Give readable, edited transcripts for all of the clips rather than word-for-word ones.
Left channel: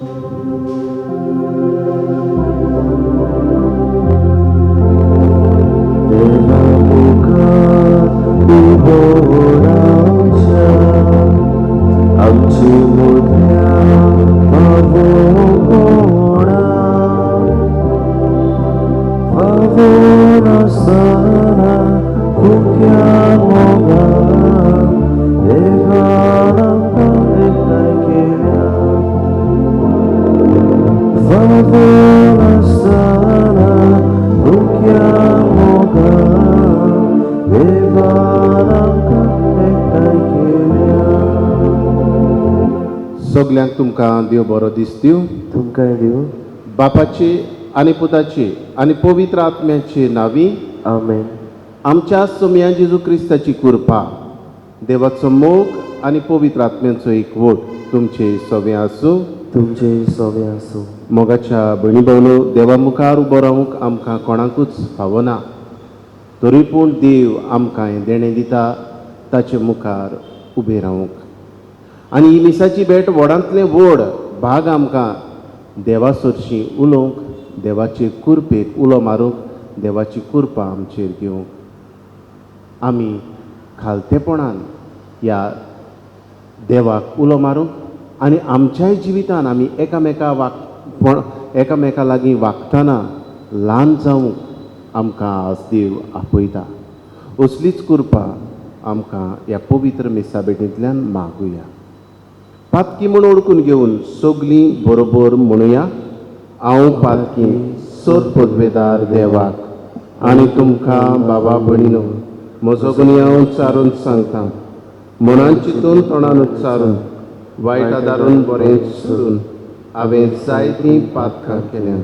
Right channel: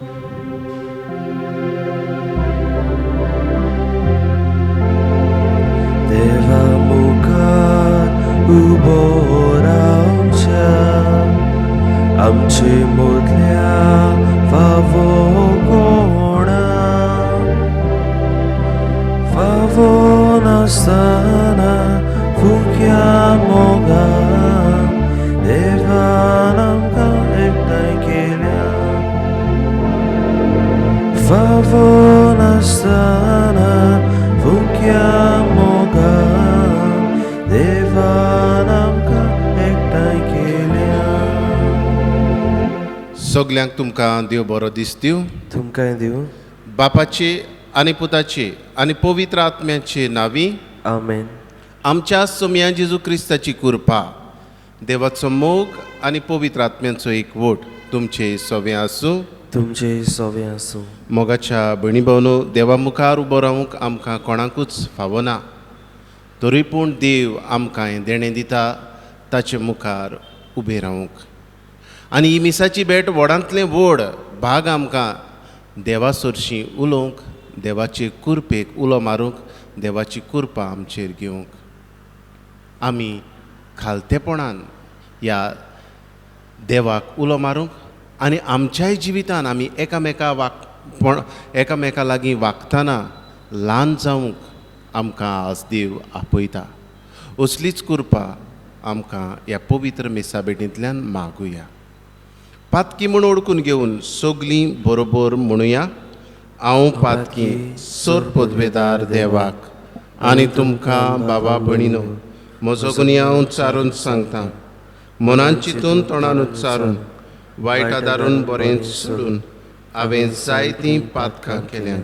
देवा मुखार उबो रावच्या आमची मोदल्या फावो कोणा फावो नासतना फुक्या मोगान देवान आमकां एकठांय केल्या फावो नासतना फुक्या मोगान देवान आमकां एकठांय केल्या. सगल्यांक तुमकां देव बरो दीस दिवं. तुमकांय दिवं. बापाची आनी पुताची आनी पवित्र आत्म्याची नावी. आमेन. आमच्या सोम्या जेजू क्रिस्ताची कृपा, देवाचो मोग आनी पवित्र आत्म्याचो एकवट तुमचे सवे आसूं. तुमचे सवे आसूं. मोगाच्या भयणी भावनो, देवा मुखार उबो रावंक आमकां कोणाकूच फावना. तरी पूण देव आमकां हें देणें दिता ताचे मुखार उबें रावंक. आनी ही मिसाची भेट व्हडांतलें व्हड भाग आमकां देवा सरशीं उलोवंक, देवाचे कृपेक उलो मारूंक, देवाची कृपा आमचेर घेवंक. आमी खालतेपणान ह्या देवाक उलो मारूंक आनी आमच्याय जिवितान आमी एकामेका लागीं वागतना ल्हान जावंक आमकां आज देव आपयता. असलीच कृपा आमकां ह्या पवित्र मिसा भेटींतल्यान मागुया. पातकी म्हूण ओळखून घेवन सगलीं बरोबर म्हणुया. हांव पातकी सर पदवेदार देवाक आनी तुमकां बाबा भयणीनो, म्हजो गुनी हांव चारून सांगतां. मनान चिंतून तोंडान उच्चारून वायट आदारून बरें सोडून हांवें जायतीं पातकां केल्यां.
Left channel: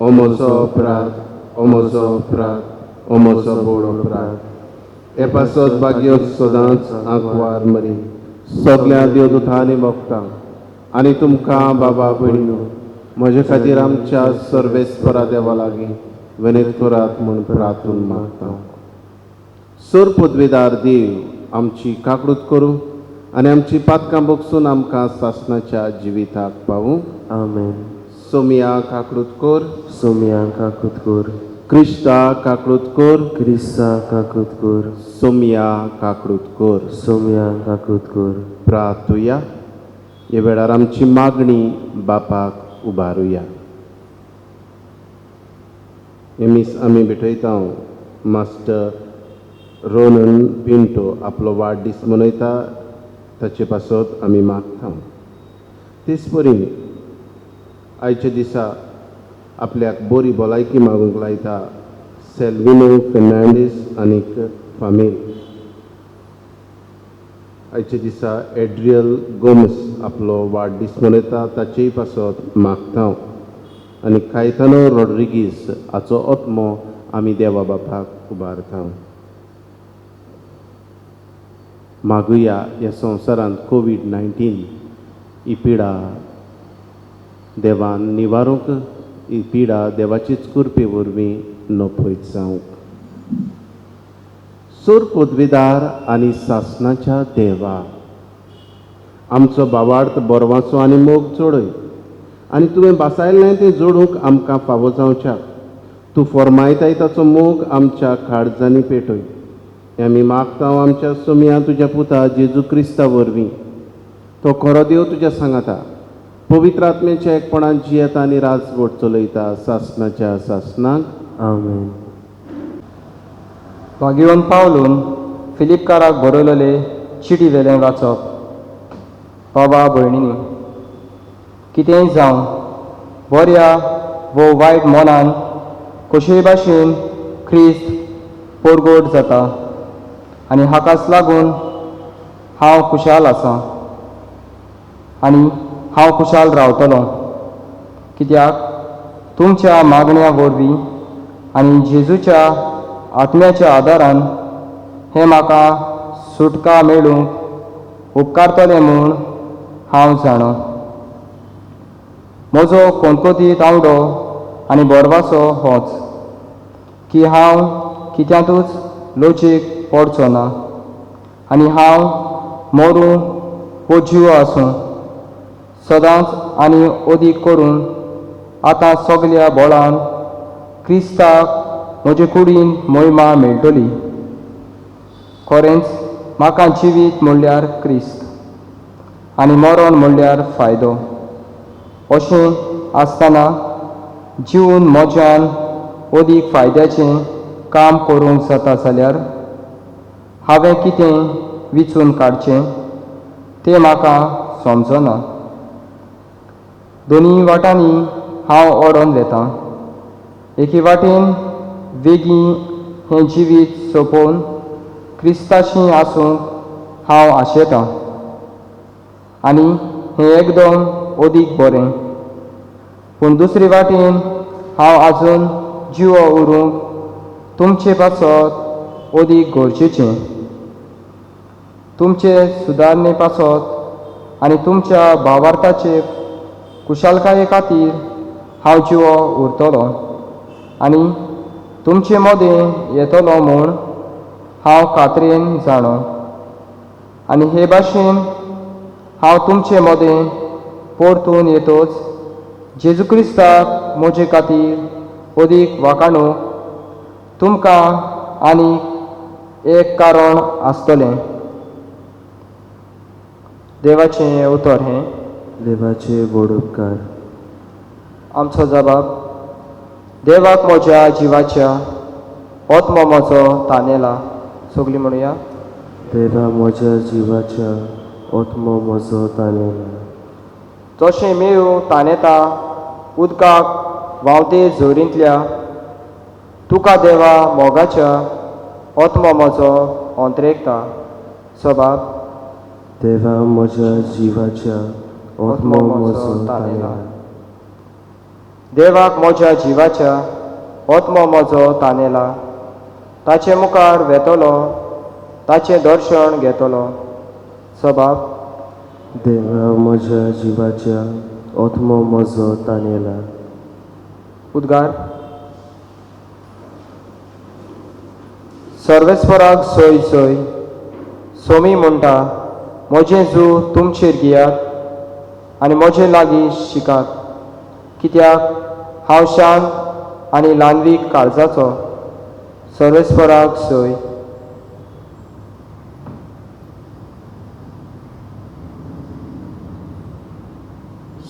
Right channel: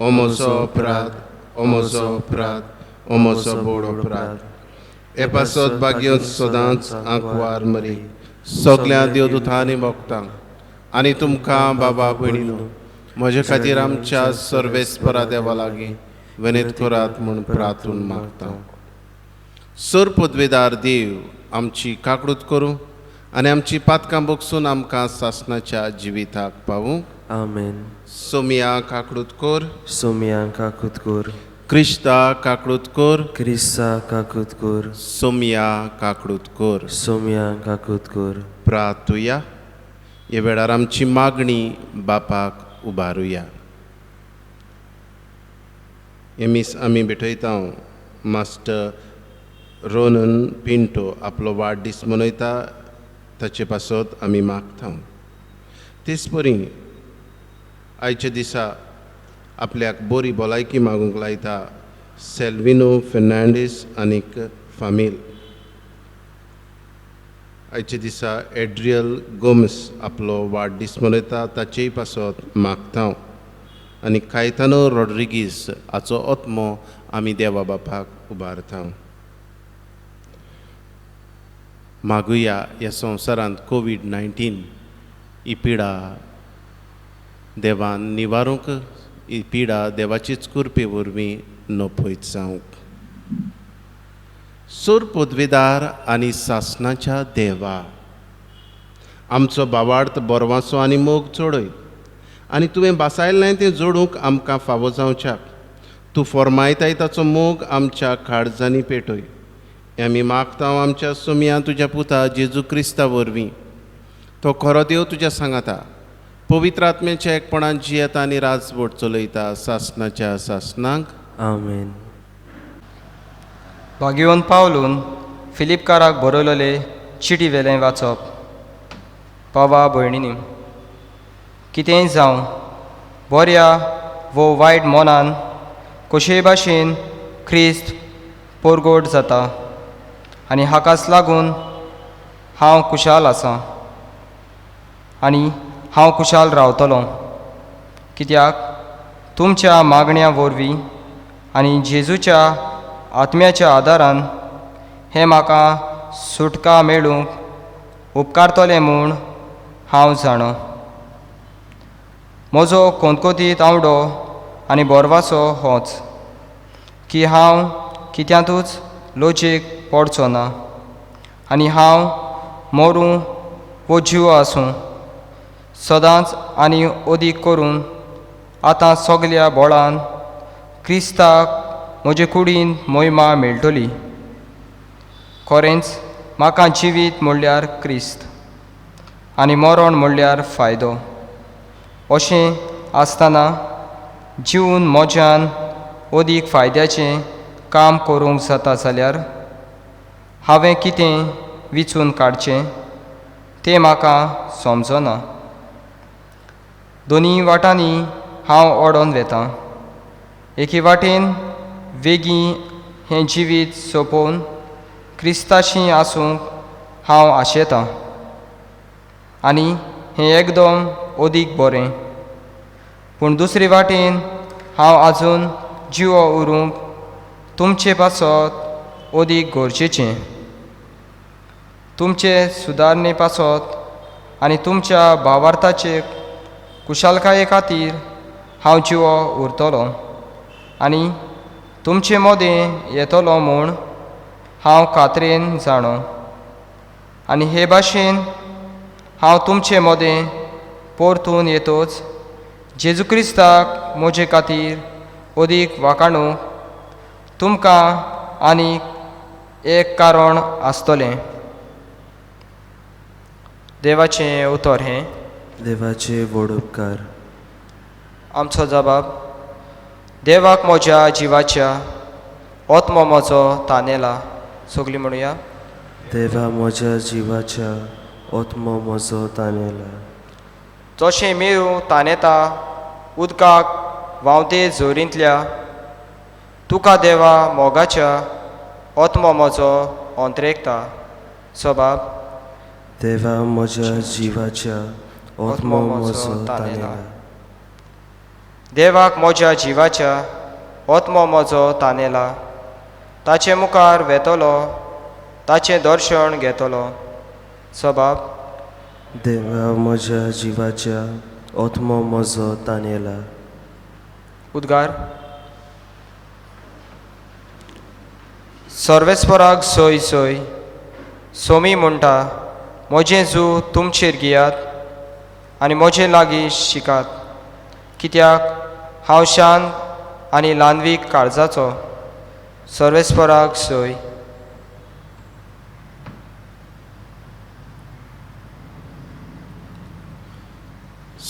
हो म्हजो अपराध, हो म्हजो अपराध, हो म्हजो बोड अपराध. हे पासत भाग्यो सदांच आंकवार मरी सगल्या देवदूतांनी भोगतांक आनी तुमकां बाबा भयणीनो, म्हजे खातीर आमच्या सर्वेस्परा देवा लागीं विनत करात म्हूण प्रार्थून मागता. सर पदवेदार देव आमची काकूट करूं आनी आमची पातकां बोगसून आमकां सासणाच्या जिविताक पावूं. आमेन. सोमिया काकूट कर. सोमिया काकूत कर. क्रिस्ता काकूट कर. क्रिस्ता काकूत कर. सोमिया काकूट कर. सोमिया काकूत कर. प्रार्थुया. हे वेळार आमची मागणी बापाक उबारुया. हे मीस आमी भेटयता मास्टर रोनन पिंटो आपलो वाडदीस मनयता, ताचे पासत आमी मागता. तेच परी आयच्या दिसा आपल्याक बरी भलायकी मागूंक लायता सेल्विनो फेर्नांडीस आनीक फामील. आयच्या दिसा एड्रियल गोमस आपलो वाडदीस मनयता, ताचेय पासत मागता. आनी कायतानो रॉड्रिगीस हाचो आत्मो आमी देवा बापाक उबारता. मागुया ह्या संवसारांत कोविड-19 ही पिडा देवान निवारूंक, ही पिडा देवाचीच कृपे वरवीं नपयत जावंक. सर पदवेदार आनी सासणाच्या देवा, आमचो भावार्थ बोरवांचो आनी मोग चोडय आनी तुवें बासायल्लें तें जोडूंक आमकां फावो जावच्याक तूं फॉर्मायताय ताचो मोग आमच्या काळजांनी पेटय. हें आमी मागता आमच्या सोम्या तुज्या पुता जेजू क्रिस्ता वरवीं. तो खरो देव तुज्या सांगाता, पवित्र आत्म्याच्या एकपणान जियेता आनी राजवट चलयता सासणाच्या सासणांक. आमेन. भाग्यवन पावलून फिलिपकाराक बरयलेले चिटी वेलें वाचप. बाबा भयणींनी, कितेंय जावं बऱ्या वो वायट मनान कशेय भाशेन ख्रिस्त परगोट जाता आनी हाकाच लागून हांव खुशाल आसां आनी हांव खुशाल रावतलों. कित्याक तुमच्या मागण्या वरवीं आनी जेजूच्या आत्म्याच्या आदारान हें म्हाका सुटका मेळूंक उपकारतलें म्हूण हांव जाणा. म्हजो कोणकोतीत आवडो आनी बोरवासो होच की हांव कित्यांतूच लोचेक पडचो ना आनी हांव मरूं वो जीव आसूं सदांच आनी अदीक करून आतां सगल्या बोळान क्रिस्ताक म्हजे कुडीन मोहिमा मेळटली. खरेंच म्हाका जिवीत म्हणल्यार क्रिस्त आनी मरण म्हणल्यार फायदो. अशें आसतना जिवन मोज्यान अदीक फायद्याचें काम करूंक जाता जाल्यार हांवें कितें विचून काडचें तें म्हाका समजना. दोनी वाटांनी हांव ओडोन वेतां. एके वाटेन वेगीं हें जिवीत सोंपोवन क्रिस्ताशी आसूंक हांव आशेतां आनी हें एकदम अदीक बरें. पूण दुसरे वाटेन हांव आजून जिवो उरूंक तुमचे पासत अदीक गरजेचें. तुमचे सुदारणे पासत आनी तुमच्या भावार्थाचे कुशलकाये खातीर हांव जिवो उरतलों आनी तुमचे मोदें येतलो म्हूण हांव खात्रेन जाणो. आनी हे भाशेन हांव तुमचे मोदें परतून येतोच जेजू क्रिस्ताक म्हजे खातीर अदीक वाखाणूंक तुमकां आनीक एक कारण आसतलें. देवाचें उतर हें. देवाचे व्हड उपकार. आमचो जबाब. देवाक म्हज्या जिवाच्या आत्मो म्हजो तानेला. सगळीं म्हणुया. देवा म्हज्या जिवाच्या आत्मो म्हजो तानेला. जशें मेरू तानेता उदकाक व्हांवते झोरींतल्या तुका देवा मोगाच्या आत्मो म्हजो अंतरेकता. सबाब. देवा म्हज्या जिवाच्या आत्मो म्हजो तानेला. देवाक म्हज्या जिवाच्या आत्मो म्हजो तानेला. ताचे मुखार वेतलो ताचें दर्शन घेतलो. सबाब. देवा म्हज्या जिवाच्या आत्मो म्हजो तानेला. उद्गार. सर्वेस्पराक सय सय सोमी म्हणटा म्हजें जू तुमचेर घेयात आनी म्हजे लागीं शिकात, कित्याक हांव शांत आनी ल्हानवीक काळजाचो. सर्वेस्पराक सय.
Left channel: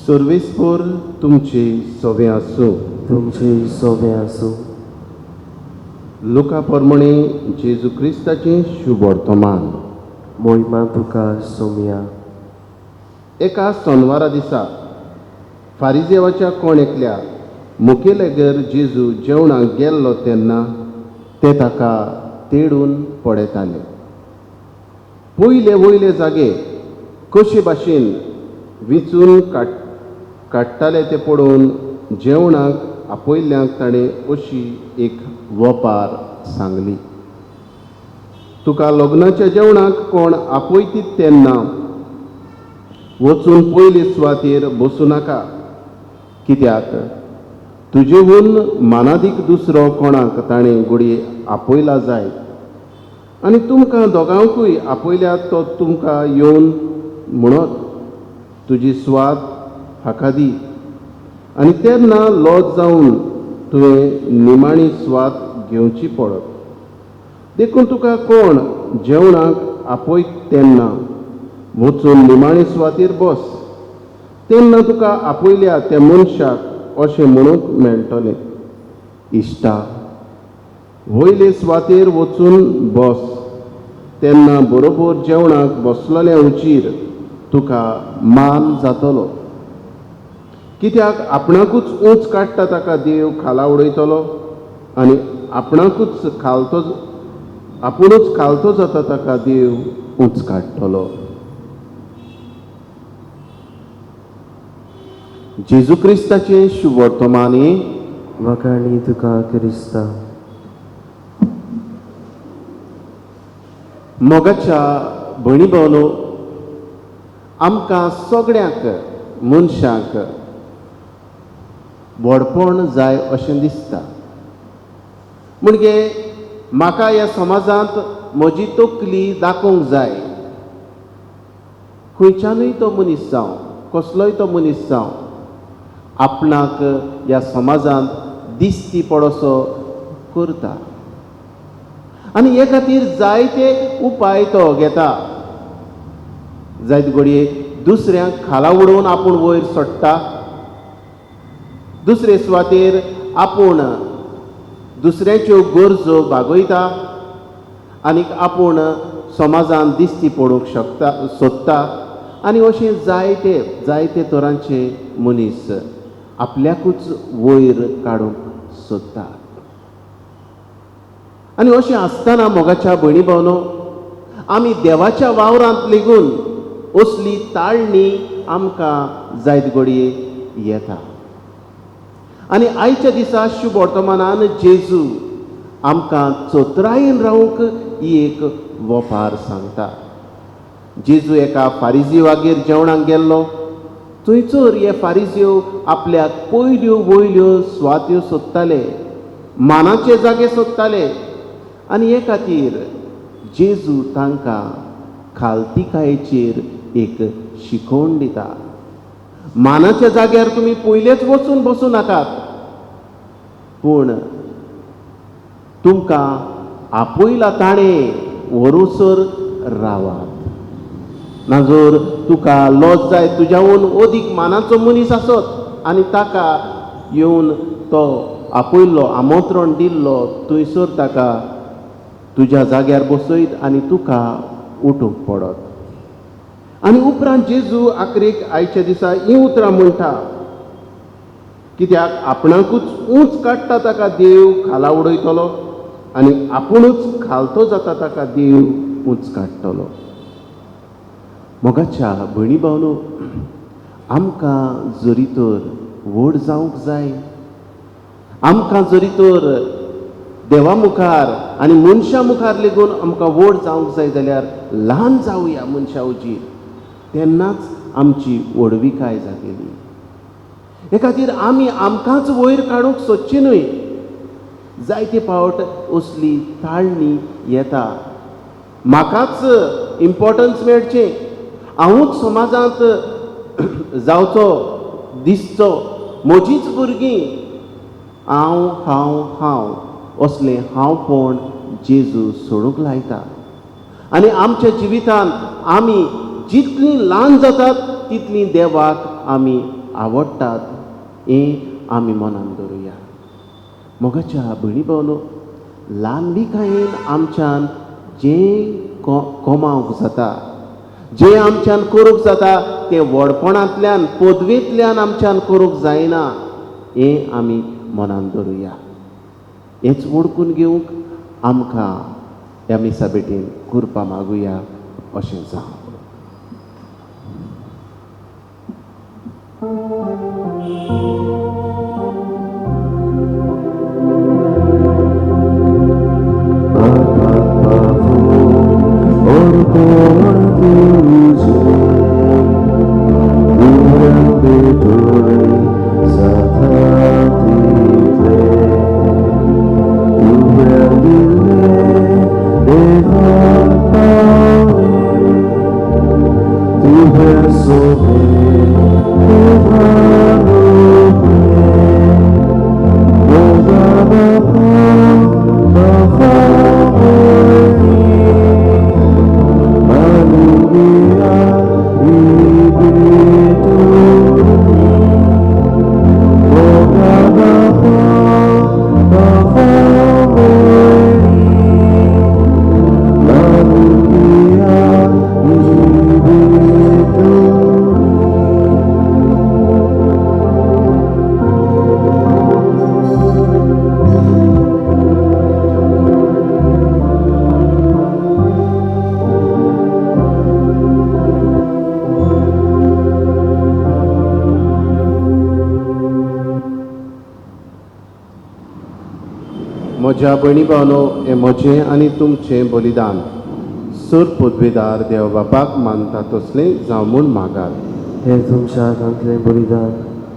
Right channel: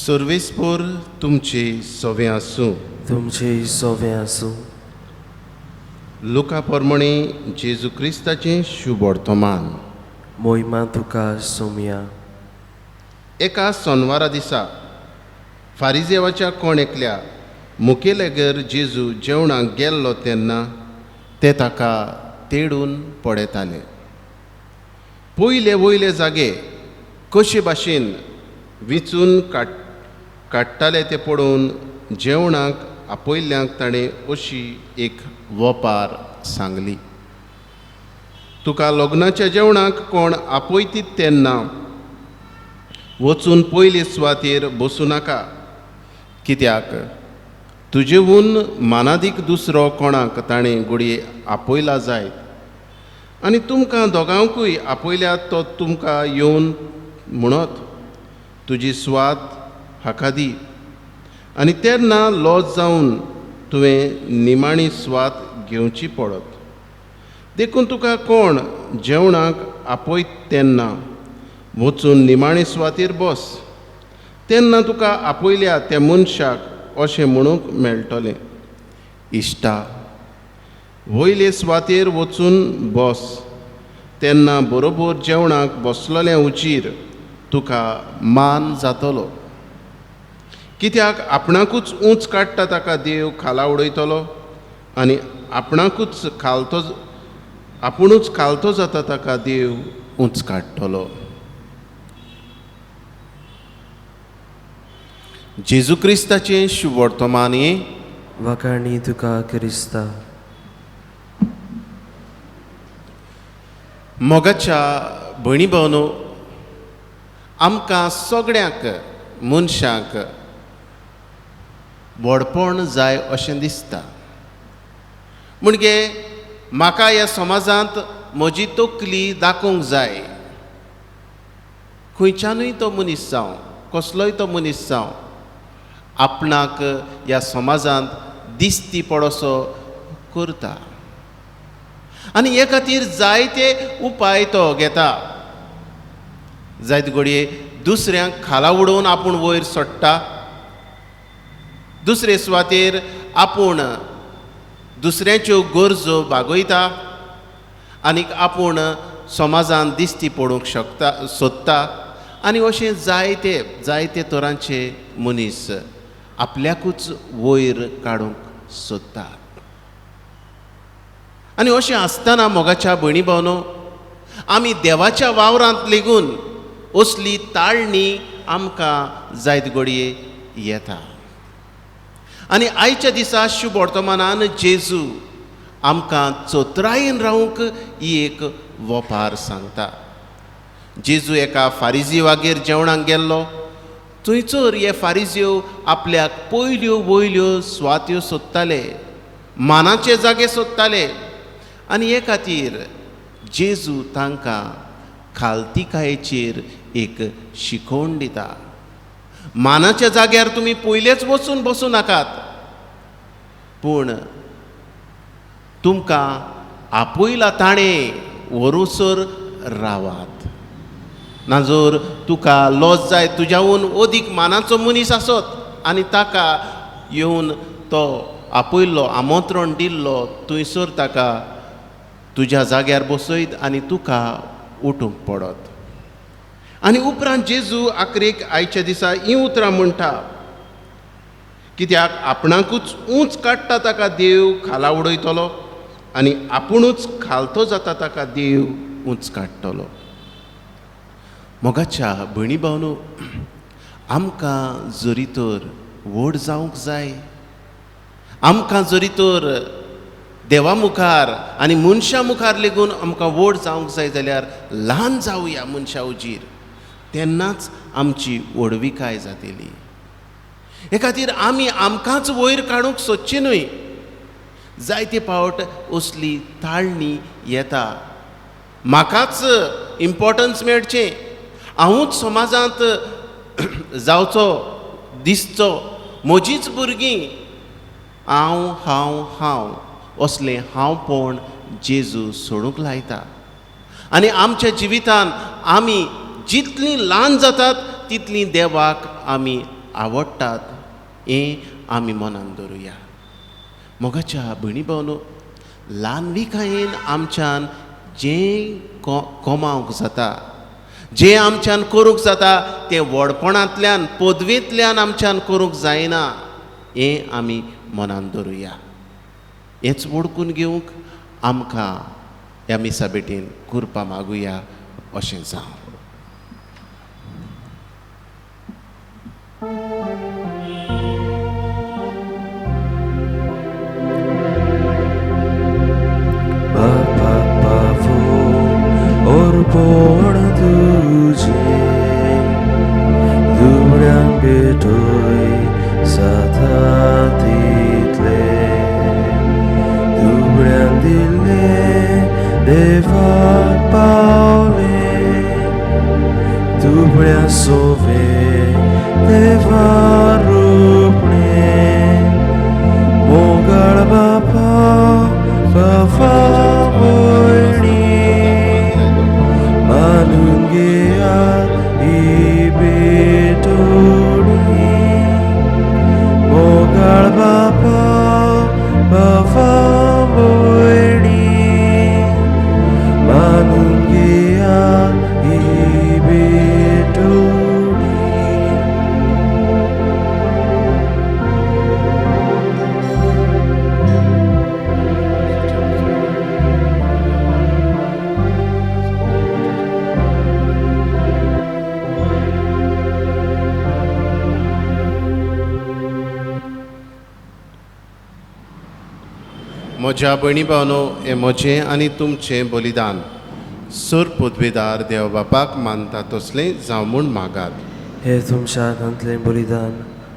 सर्वेस्पर तुमचे सवें आसूं. तुमचे सवें आसूं. लोका प्रमाणे जेजू क्रिस्ताचें शुभ वर्तमान. मोहिमा तुका सोम्या. एका सोनवारा दिसा फारिजेवाच्या कोणेकल्या मुखेलेगर जेजू जेवणाक गेल्लो तेन्ना ते ताका तेडून पडयताले. पयले वयले जागे कशे भाशेन विचून काडटाले ते पळोवन जेवणाक आपयल्ल्यांक ताणें अशी एक वपार सांगली. तुका लग्नाच्या जेवणाक कोण आपयतीत तेन्ना वचून पयले सुवातेर बसूं नाका, कित्याक तुजेहून मानादीक दुसरो कोणाक ताणें घडये आपयला जायत आनी तुमकां दोगांकूय आपयल्यात तो तुमकां येवन म्हणत तुजी सुवात हाका दी आनी तेन्ना लॉज जावन तुवें निमाणी सुवात घेवची पडत. देखून तुका कोण जेवणाक आपयत तेन्ना वचून निमाणे सुवातेर बस. तेन्ना तुका आपयल्या त्या मनशाक अशें म्हणूंक मेळटलें, इश्टा, वयले सुवातेर वचून बस. तेन्ना बरोबर जेवणाक बसलोल्या उचीर तुका मान जातलो. कित्याक आपणाकूच उंच काडटा ताका देव खाला उडयतलो आनी आपुणूच खालतो जाता ताका देव उंच काडटलो. जेजू क्रिस्ताचें शुभ वर्तमान हे. वखाणी तुका क्रिस्ता. मोगाच्या भयणी भावनो, आमकां सगळ्यांक मनशाक व्हडपण जाय अशें दिसता. म्हणजे म्हाका ह्या समाजांत म्हजी तकली दाखोवंक जाय. खंयच्यानूय तो मनीस जावं, कसलोय तो मनीस जावं आपणाक ह्या समाजांत दिसती पडोसो करता आनी हे खातीर जायते उपाय तो घेता. जायते घडये दुसऱ्यांक खाला उडोवन आपूण वयर सोडटा, दुसरे सुवातेर आपूण दुसऱ्यांच्यो गरजो भागयता आनीक आपूण समाजांत दिसती पडूंक सोदता आनी अशें जायते तरांचे मनीस आपल्याकूच वयर काडूंक सोदतात. आनी अशें आसतना मोगाच्या भयणी भावनो आमी देवाच्या वावरांत लेगून असली ताळणी आमकां जायत घडये येता. आनी आयच्या दिसा शुभ वर्तमानान जेजू आमकां चोत्रायेन रावंक ही एक वोपार सांगता. जेजू एका फारिजीवागेर जेवणाक गेल्लो. थंयसर हे फारिजीव आपल्याक पयल्यो वयल्यो सुवात्यो सोदताले, मानाचे जागे सोदताले आनी हे खातीर जेजू तांकां खालतिकायेचेर एक शिकवण दिता. मानाच्या जाग्यार तुमी पयलेच वचून बसूं नाकात, पूण तुमकां आपयला ताणें व्हरूसर रावात. ना जर तुका लॉज जाय तुज्याहून अदीक मानाचो मनीस आसत आनी ताका येवन तो आपयल्लो आमंत्रण दिल्लो थंयसर ताका तुज्या जाग्यार बसयत आनी तुका उठूंक पडत. आनी उपरांत जेजू आखरेक आयच्या दिसा हीं उतरां म्हणटा, कित्याक आपणाकूच उंच काडटा ताका देव खाला उडयतलो आनी आपुणूच खालतो जाता ताका देव उंच काडटलो. मोगाच्या भयणी भावनो आमकां जरी तर व्हड जावंक जाय, आमकां जरी तर देवा मुखार आनी मनशा मुखार लेगून आमकां व्हड जावंक जाय जाल्यार ल्हान जावया मनशा उजीर, तेन्नाच आमची व्हडविकाय जातली. हे खातीर आमी आमकांच वयर काडूंक सोदचें न्हय. जायते फावट असली ताळणी येता, म्हाकाच इम्पॉर्टन्स मेळचें, हांवूच समाजांत जावचो दिसचो, म्हजीच भुरगीं, हांव असलें हांवपण जेजू सोडूंक लायता. आनी आमच्या जिवितान आमी जितलीं ल्हान जातात तितलीं देवाक आमी आवडटात हें आमी मनान दवरुया. मोगाच्या भयणी भावनो ल्हानविकायेन आमच्यान जें कमावंक जाता, जें आमच्यान करूंक जाता तें व्हडपणांतल्यान पदवेंतल्यान आमच्यान करूंक जायना हें आमी मनान दवरुया. हेंच ओळखून घेवंक आमकां ह्या मिसा बेटीन कृपा मागुया अशें जावं. Orpon तुझे दुबळ्यांक भेटोय जाता तितले, दुबळ्यांक दिल्ले देवाक पावले, दुबळ्या सोवे देवा रोपणे, मोगाळ बापा बाबा Manungia ibetoni, mogal bapa bapa moini, manungia ibetoni. म्हज्या भयणी भावनो हें म्हजें आनी तुमचें बलिदान सूर पदवेदार देव बापाक मानता तसलें जावं म्हूण मागात. हे तुमच्या हातांतलें बलिदान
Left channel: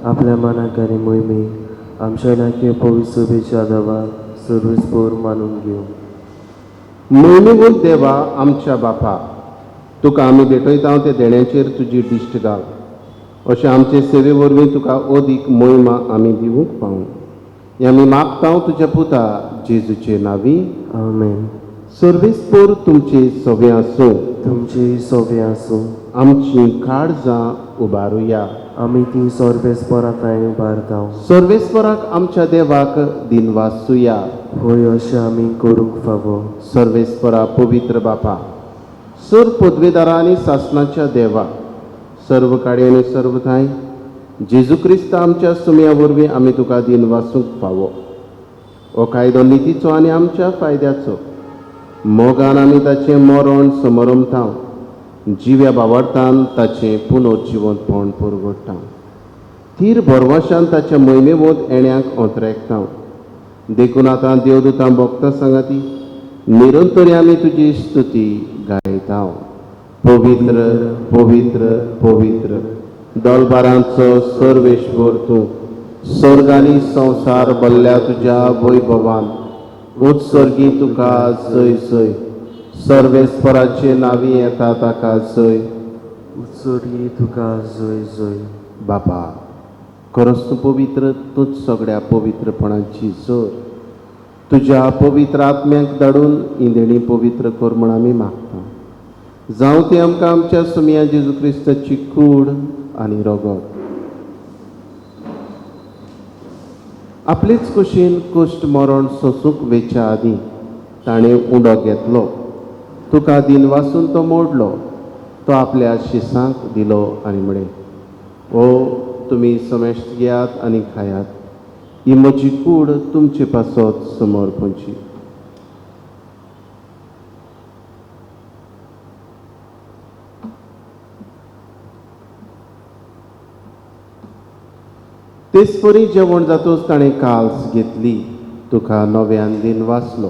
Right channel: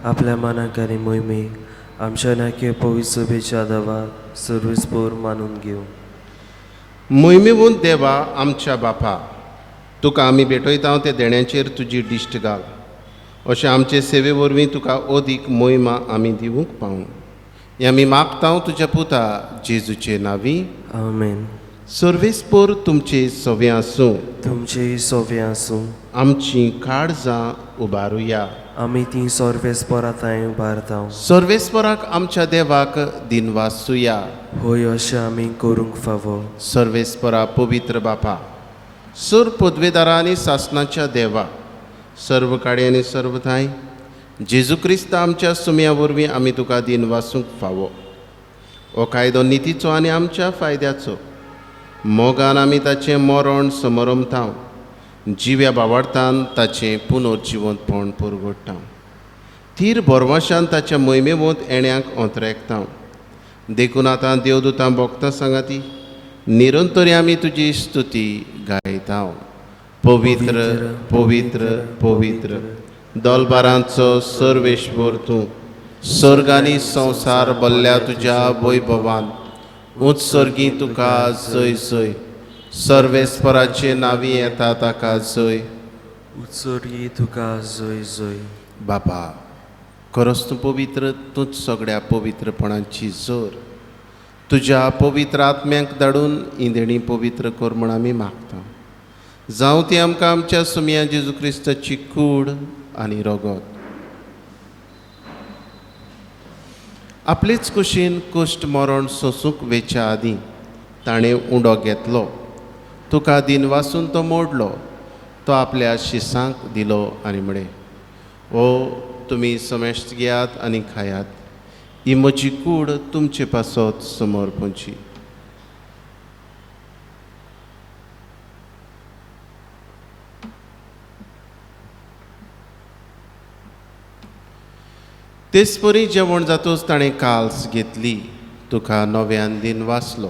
आपल्या मनाक आनी मोहिमेक आमच्या नाक्यो पवित्र सभेच्या आदाराक सर्वेस्पोर मानून घेवं. मोहिमेमून देवा आमच्या बापा, तुका आमी भेटयता ते देण्याचेर तुजी दिश्ट घाल. अशें आमचे सेवे वरवीं तुका अदीक महिमा आमी दिवंक पावूं. हें आमी मागता तुज्या पुता जेजूचे नांवी. आमेन. सर्वेस्पर तुमचे सवे आसूं. तुमची सोवे आसूं. आमची काळजां उबारुया. आमी ती सर्वेस्पराताय उबारता. सर्वेस्पराक आमच्या देवाक दिनवासुया. होय अशें आमी करूंक फावो. सर्वेस्परा पवित्र बापा, सर पदवेदारा आनी सासणाच्या देवा, सर्व काडे आनी सर्व थाय, जेजू क्रिस्त आमच्या सुमया वरवीं आमी तुका दिनवासूंक फावो. हो कायदो नितीचो आनी आमच्या फायद्याचो. मोगान आमी ताचें मरण समरमता. जिव्या बावार्थान ताचें पुनर्जिवंतपण परगडटा. थीर बोरवाशान ताच्या मोहिमेवंत येण्याक ओंत्रेकता. देखून आतां देवदूतां भोगता सांगाती निरंतरी आमी तुजी स्तुती गायता. पवित्र पवित्र पवित्र दलबारांचो सर्वेश्वर तूं, स्वर्ग आनी संवसार भल्ल्या तुज्या वैभवान उत्सर्गी तुका जय जय. सर्वेस्पराचे नांवी येता ताका जय. उत्सर्गी तुका जय जय. बापा, खरोच तूं पवित्र, तूंच सगळ्या पवित्रपणांची जोर. तुज्या पवित्र आत्म्याक धाडून इंदेणी पवित्र कर म्हण आमी मागता. जावं ती आमकां आमच्या सुमया जेजू क्रिस्ताची कूड आनी रगत. आपलेच कुशीन कुश्ट मरण सोंसूंक वेच्या आदीं ताणें उंडो घेतलो. तुका दिनवासून तो मोडलो. तो आपल्या शिसांक दिलो आनी म्हणे, ओ तुमी समेस्त घेयात आनी खायात. ही म्हजी कूड तुमचे पासत समर्पणची. तेच परी जेवण जातूच ताणें काल्स घेतली. तुका नव्यान दिन वाचलो.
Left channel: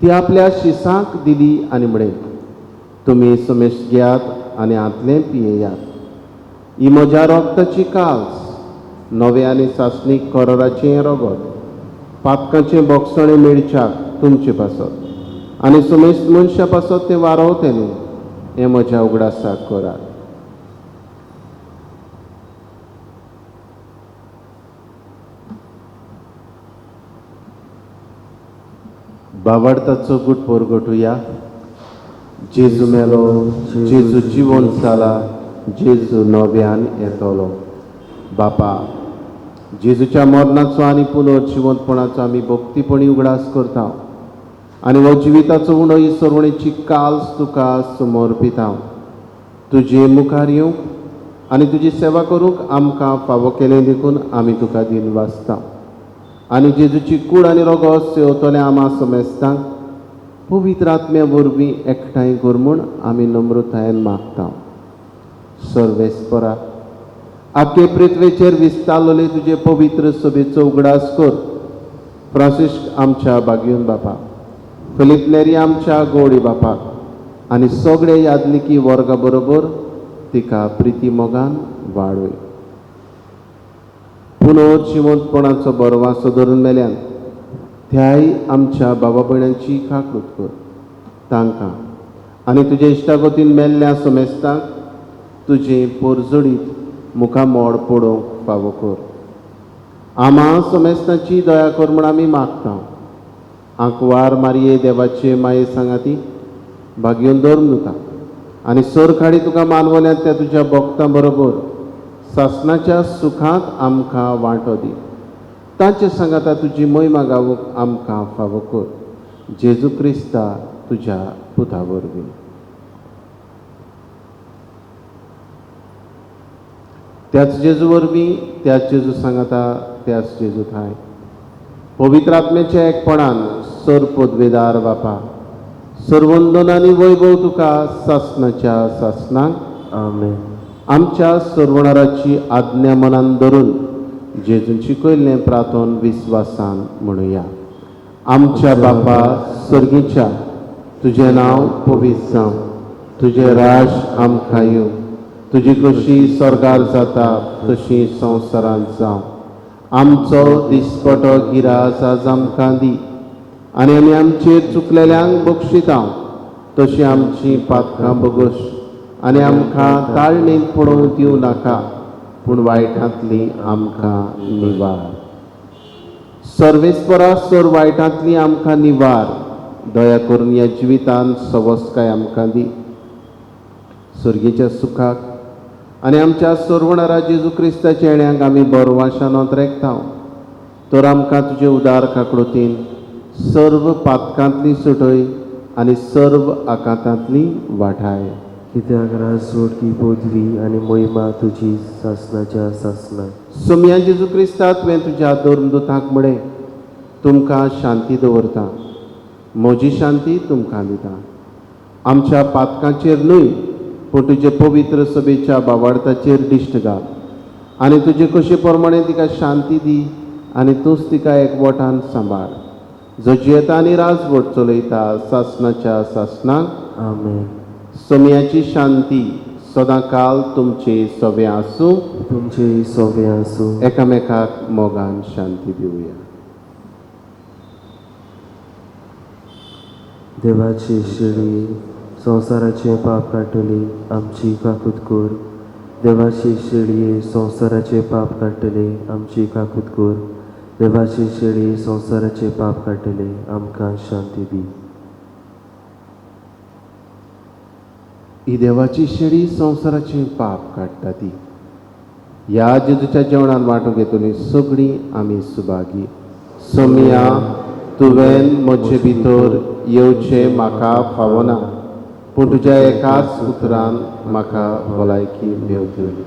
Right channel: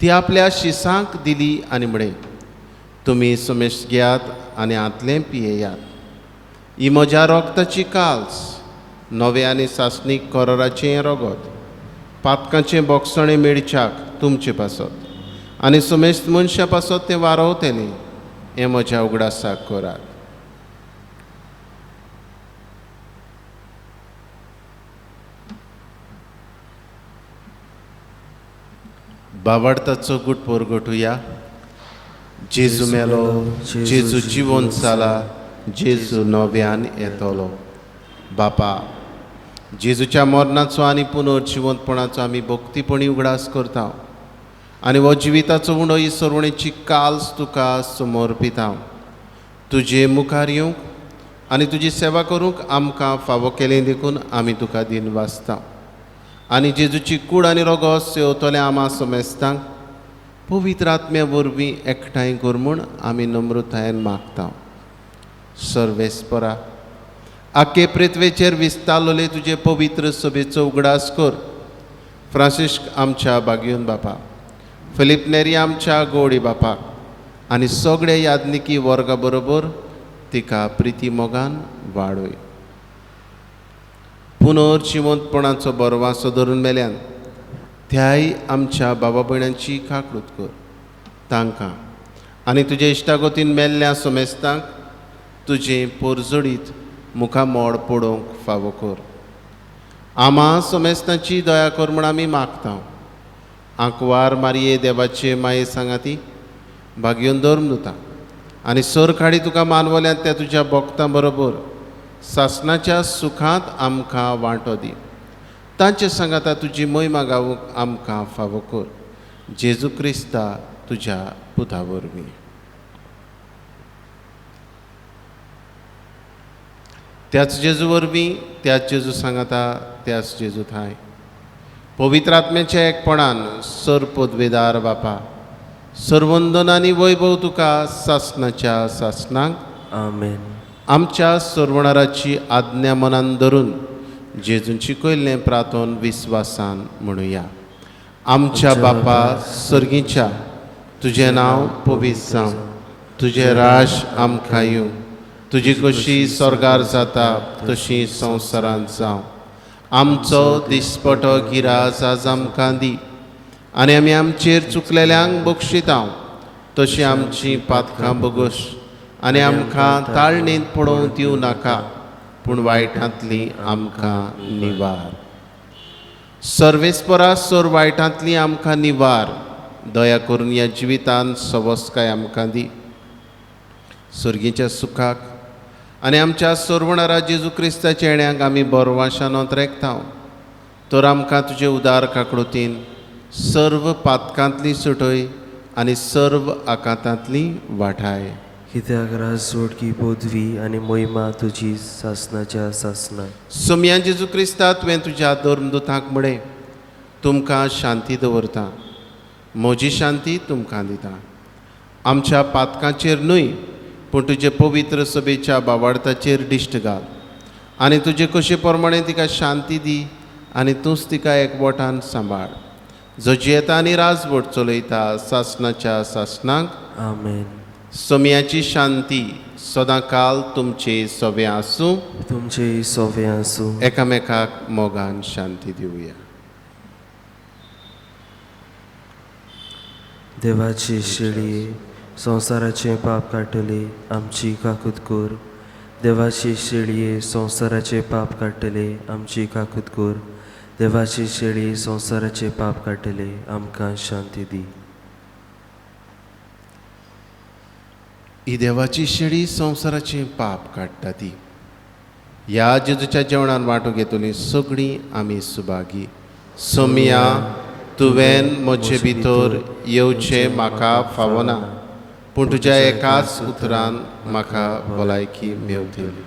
ती आपल्या शिसांक दिली आनी म्हणे, तुमी समेस्त घेयात आनी आदलें पियेयात. ही म्हज्या रोगताची काल्स, नवे आनी सासणीक कोराचें रगत, पातकांचें बोगसणें मेळच्याक तुमचे पासत आनी समेस्त मनशां पासत तें वारवतलें. हें म्हज्या उगडासाक करात. बावार्थाचो गुट परगटुया. जेजू मेलो, जेजू जिवंत जाला, जेजू नव्यान येतलो. बापा, जेजूच्या मरणाचो आनी पुनर्जिवंतपणाचो आमी भक्तीपणी उगडास करता आनी हो जिविताचो उंडो ही सरवणेची काल्स तुका समर्पिता. तुजे मुखार येवंक आनी तुजी सेवा करूंक आमकां फावो केलें देखून आमी तुका दिन वाचता. आनी जेजूची कूड आनी रगत सेवतल्या आमा समेस्तांक पवित्र आत्म्या वरवीं एकठांय कर म्हूण आमी नम्रतायेन मागता. सर्वेस्परा, आख्खे पृथ्वेचेर विस्तारलोले तुजे पवित्र सभेचो उगडास कर. फ्रांसिस्क आमच्या बागीवन बापा, फिलीप नेरी आमच्या गोडी बापाक आनी सगळे यादनिकी वर्गा बरोबर तिका प्रिती मोगान वाडय. पुनर्जिवंतपणाचो बरवासो धरून मेल्यान त्याय आमच्या बाबा भयणांची काकूट कर. तांकां आनी तुजे इश्टागतीन मेल्ल्या समेस्तांक तुजे पोरजोडीत मुखामोड पडोवंक फावो कर. आमा समेस्तांची दया कर म्हूण आमी मागता. आंकवार मारये देवाचे माये सांगाती भाग्योन धर्मदूता आनी सर खाडी तुका मानवल्यात त्या तुज्या भक्तां बरोबर सासणाच्या सुखांत आमकां वांटो दी. तांचे सांगाता तुजी महिमा गावूंक आमकां फावो कर. जेजू क्रिस्ता तुज्या पुता वरवीं. त्याच जेजू वरवीं, त्याच जेजू सांगाता, त्याच जेजू थाय पवित्र आत्म्याच्या एकपणान सर पदवेदार बापा, सर्वंदन आनी वैभव तुका सासणाच्या सासणांक आमेन. आमच्या सर्वणाराची आज्ञा मनान धरून जेजूंची कयल्लें प्रार्थन विस्वासान म्हणुया. आमच्या बापा सर्गीच्या, तुजें नांव पवित्र जावं. तुजें राज आमकां येवं. तुजी कशी स्वर्गार जाता तशी संवसारांत जावं. आमचो दिसपटो गिराज आज आमकां दी आनी आमी आमचेर चुकलेल्यांक बक्षिता तशी आमची पातकां बगोश आनी आमकां ताळणेंत पडोवंक दिवं नाका पूण वायटांतली आमकां निवार. सर्वेस्परा सर वायटांतली आमकां निवार. दया करून ह्या जिवितांत सवस्काय आमकां दी. सर्गीच्या सुखाक आनी आमच्या सोरवणारा जेजू क्रिस्ताच्या येण्याक आमी बरवाशानोत रेखताव. तर आमकां तुजे उदार काकडोतीन सर्व पातकांतली सुटय आनी सर्व आकांतांतली वाठाय. कित्याक राजवडकी पदवी आनी मोहिमा तुजी सासनाच्या सासना. सोम्या जेजू क्रिस्ता तुवें तुज्या धर्मदुतांक म्हळें, तुमकां शांती दवरता, म्हजी शांती तुमकां दिता. आमच्या पातकांचेर न्हय पूण तुजे पवित्र सभेच्या बावार्थाचेर दिश्ट घाल आनी तुजे कशे प्रमाणे तिका शांती दी आनी तूंच तिका एकवटान सांबाळ. जो जियेता आनी राजवट चलयता सासनाच्या सासनाक. आमेन. सोम्याची शांती सदां काल तुमचे सवे आसूं. तुमचे सोवे आसूं. एकामेकाक मोगान शांती दिवया. देवाची शेळी संवसाराचे पाप काडटली आमची काकूत कोर. देवाची शेळये संवसाराचे पाप काडटले आमची काकूत कोर. देवाची शेळी संवसाराचे पाप काडटले आमकां शांती दी. ही देवाची शेळी संवसाराचे पाप काडटा ती. ह्या जेजूच्या जेवणान वांटो घेतली सगळीं आमी सुभागी. सोम्या तुवें म्हजे भितर येवचें म्हाका फावना, पूण तुज्या एकाच उतरान म्हाका भलायकी मेवतली.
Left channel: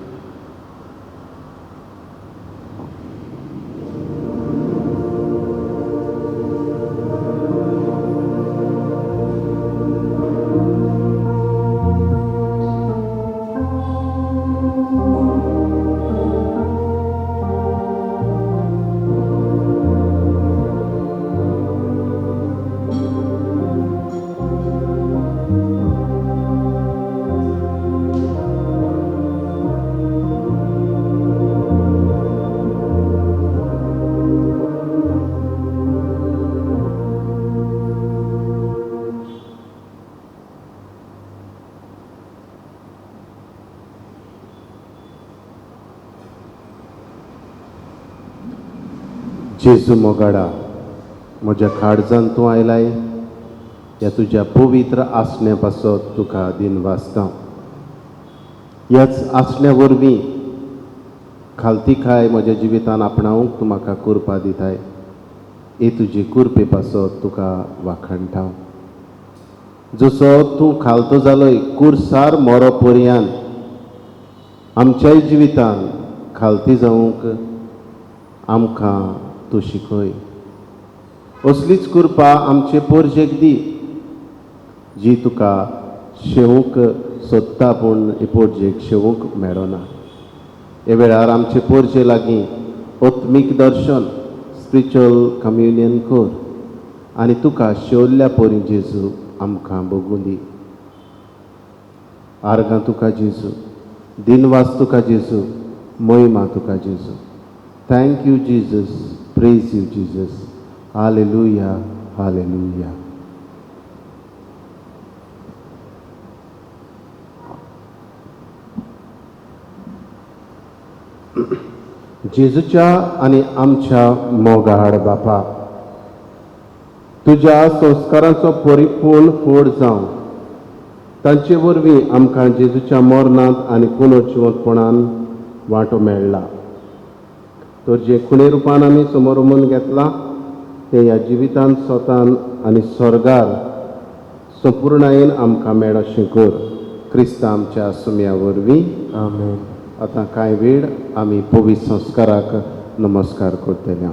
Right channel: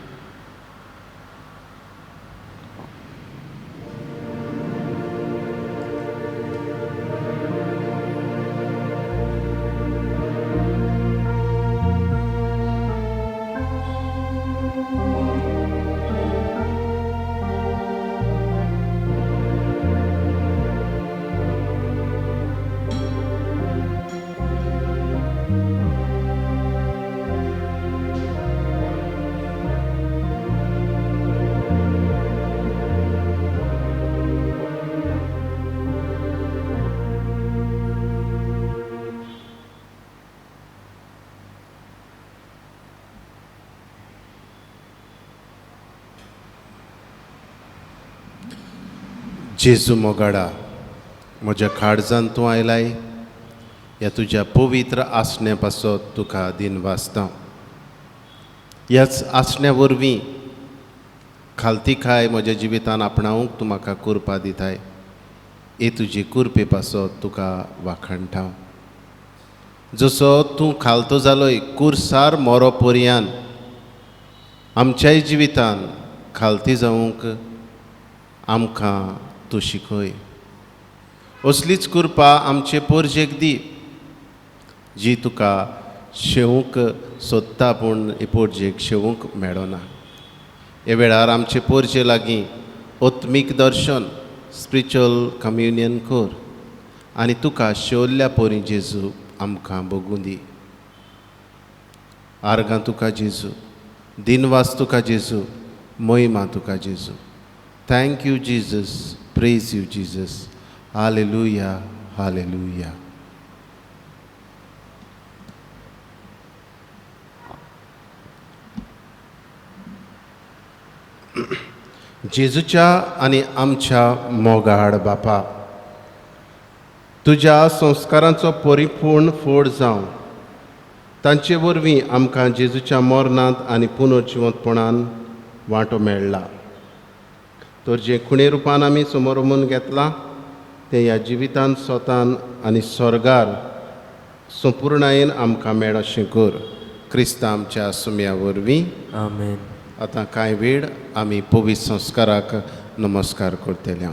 जेजू मोगाडा, म्हज्या काळजांत तूं आयलाय. ह्या तुज्या पवित्र आसण्या पासत तुका दिन वाचता. ह्याच आसण्या वरवीं खालतीकाय म्हज्या जिवितान आपणावंक तूं म्हाका कुरपा दिताय. हे तुजी कुरपे पासत तुका वाखणटा. जसो तूं खालतो जालोय कुरसार मोरो पर्यान आमच्याय जिवितान खालती जावंक आमकां तूं शिकय. असलीच कृपा आमचे पोरजेक दी जी तुका शेवूंक सोदता पूण हे पोरजेक शेवूंक मेळना. हे वेळार आमचे पोरजे लागीं आत्मीक दर्शन स्पिरिच्युअल कम्युनियन कर आनी तुका शेवल्ल्या पोरी जेजू आमकां बगूं दी. आर्गां तुका जेजू, दिनवास तुका जेजू, मोहिमा तुका जेजू. Thank you Jesus, praise you Jesus. Hallelujah, hallelujah. जेजूच्या आनी आमच्या मोगाड बापा, तुज्या संस्कारांचो परिपूर्ण फोड जावं तांचे वरवीं आमकां जेजूच्या मरणांत आनी पुनर्जिवंतपणान वांटो मेळ्ळा. तर जे खुणे रुपान आमी समोरमून घेतलां तें ह्या जिवितांत स्वतान आनी स्वर्गार संपूर्णायेन आमकां मेळ अशें कर. क्रिस्ता आमच्या सुम्या वरवीं. आमेन. आतां कांय वेळ आमी पवित्र संस्काराक नमस्कार करतले.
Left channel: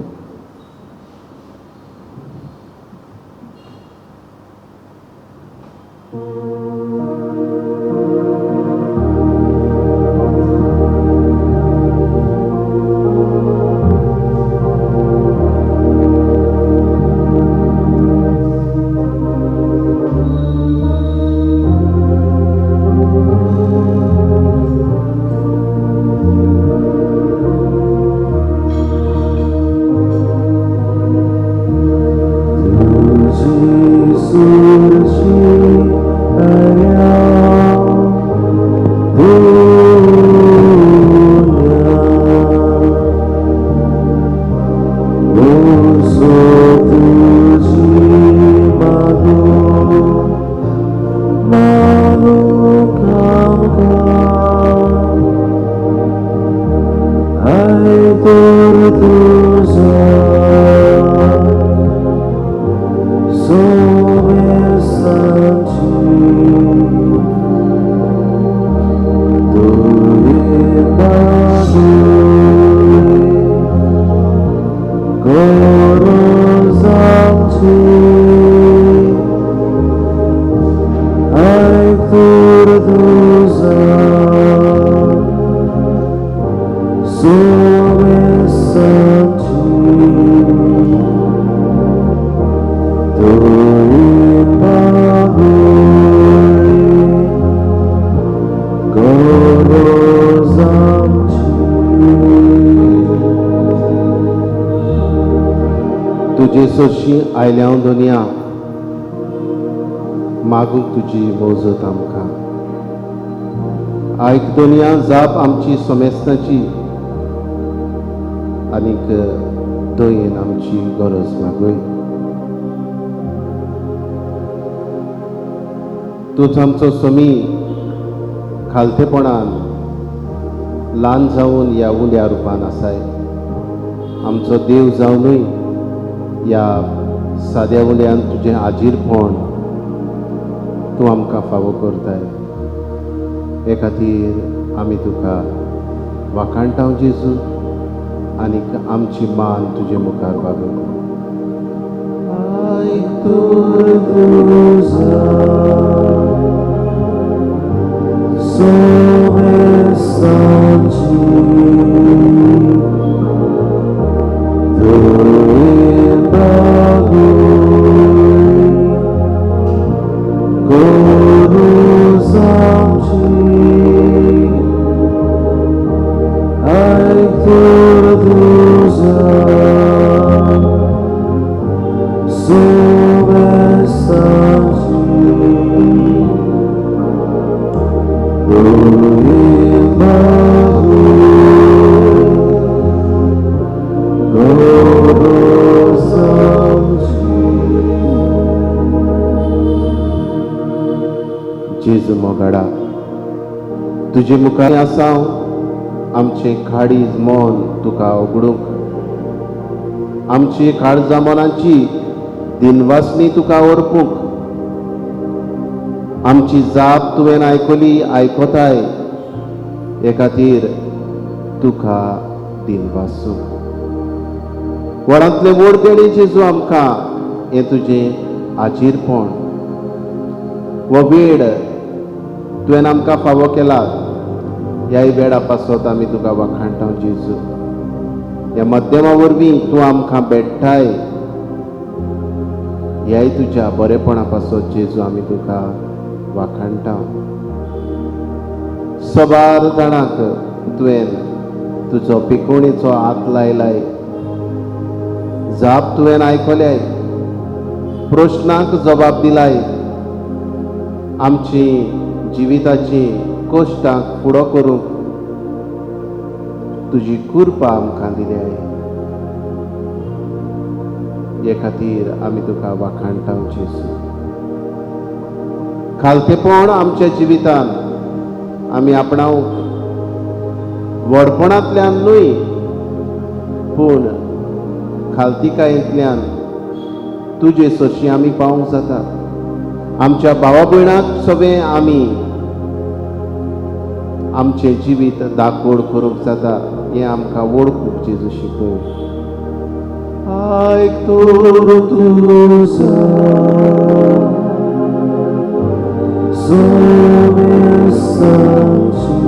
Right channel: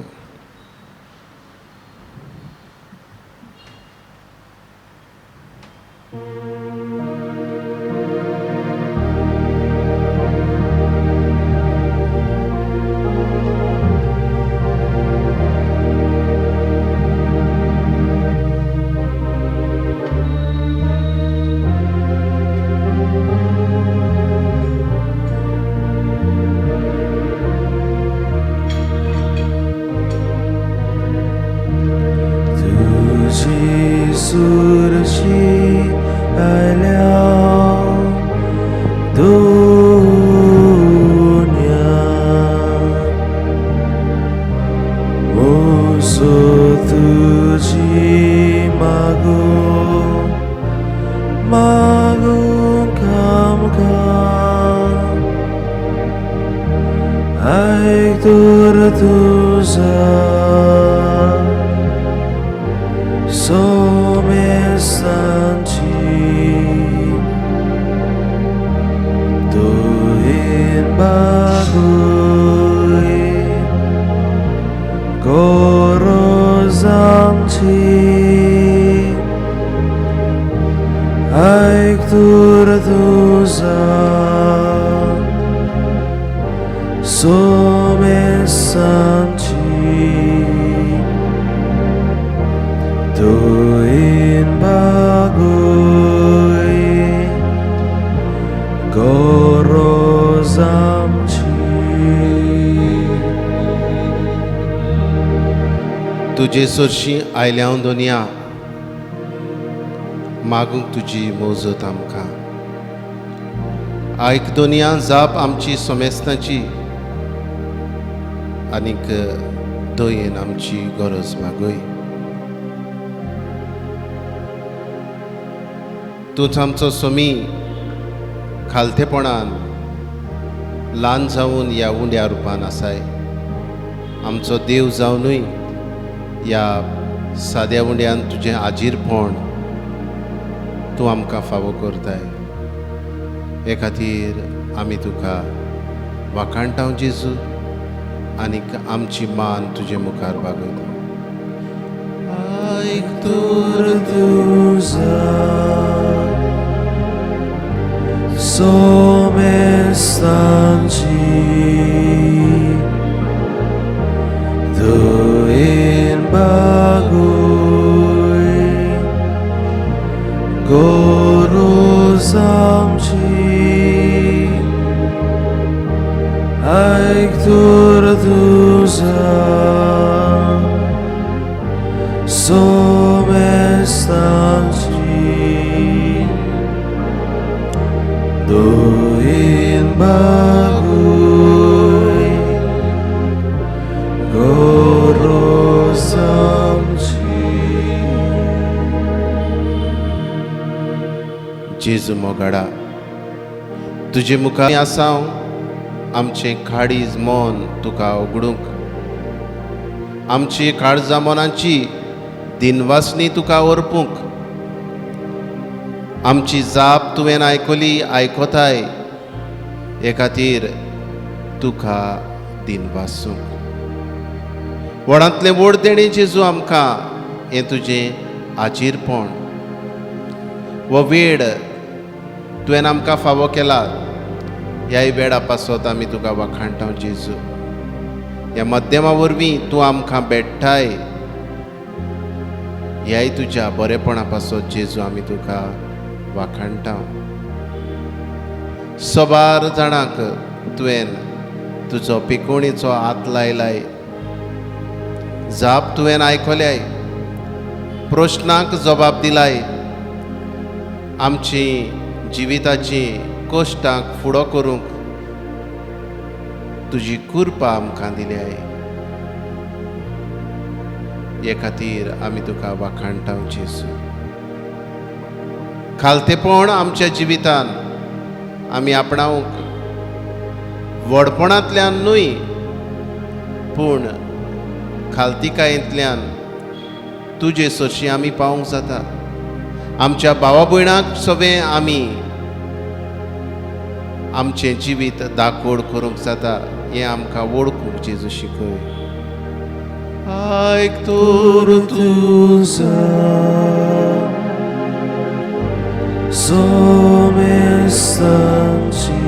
तुजे सोर्शी आयल्या दोनिया मागूंक तुजी मोजत आमकां आयक दोनिया जाप आमची सोमेस्ताची आनीक दयेन आमची गरज मागय तूंच आमचो सोमी खालतेपणान ल्हान जावन ह्या उंड्या रुपान आसाय आमचो देव जावनूय ह्या साद्या उंड्यान तुजें आजीरपण तूं आमकां फावो करताय हे खातीर आमी तुका वाखाणटाव जेजू आनीक आमची मान तुजे मुखार वागयता आयक तर तुझा सोमेस्तांची दयेन बागुय गरज आमची आयक तर तुझा सोमेस्तांची दयेन बागुय गरज आमची जेजू मोगाडा तुजे मुखार आसां आमचें काळीज मन तुका उगडूंक आमची काळजां मनांची दिनवासनी तुका अर्पूंक आमची जाप तुवें आयकली आयकोताय हे खातीर तुका दिनवासूंक व्हडांतलें व्हड देणी जेजू आमकां हें तुजें आजीरपण हो वेळ तुवें आमकां फावो केला ह्या वेळा पासत आमी तुका वाखाणटाव जेजू ह्या मध्यमा वरवीं तूं आमकां भेटताय ह्याय तुज्या बरेपणा पासत जेजू आमी तुका वाखाणटाव सोबार जाणांक तुवें तुजो पिकोणीचो हात लायलाय जाप तुवें आयकल्याय प्रश्नांक जबाब दिलाय आमची जिविताची कश्टांक फुडो करूंक तुजी कृपा आमकां दिल्याय हे खातीर आमी तुका वाखाणटाव जेजू खालतेपण आमच्या जिवितान आमी आपणावंक व्हडपणांतल्यान न्हय पूण खालतिकायेंतल्यान तुजे सोशी आमी पावूंक जाता आमच्या भावा भयणांक सगळें आमी आमचें जिवीत दाखोड करूंक जाता हें आमकां वळखूंक जेजू शिकय आयक तर तुझा सोमेस्तांची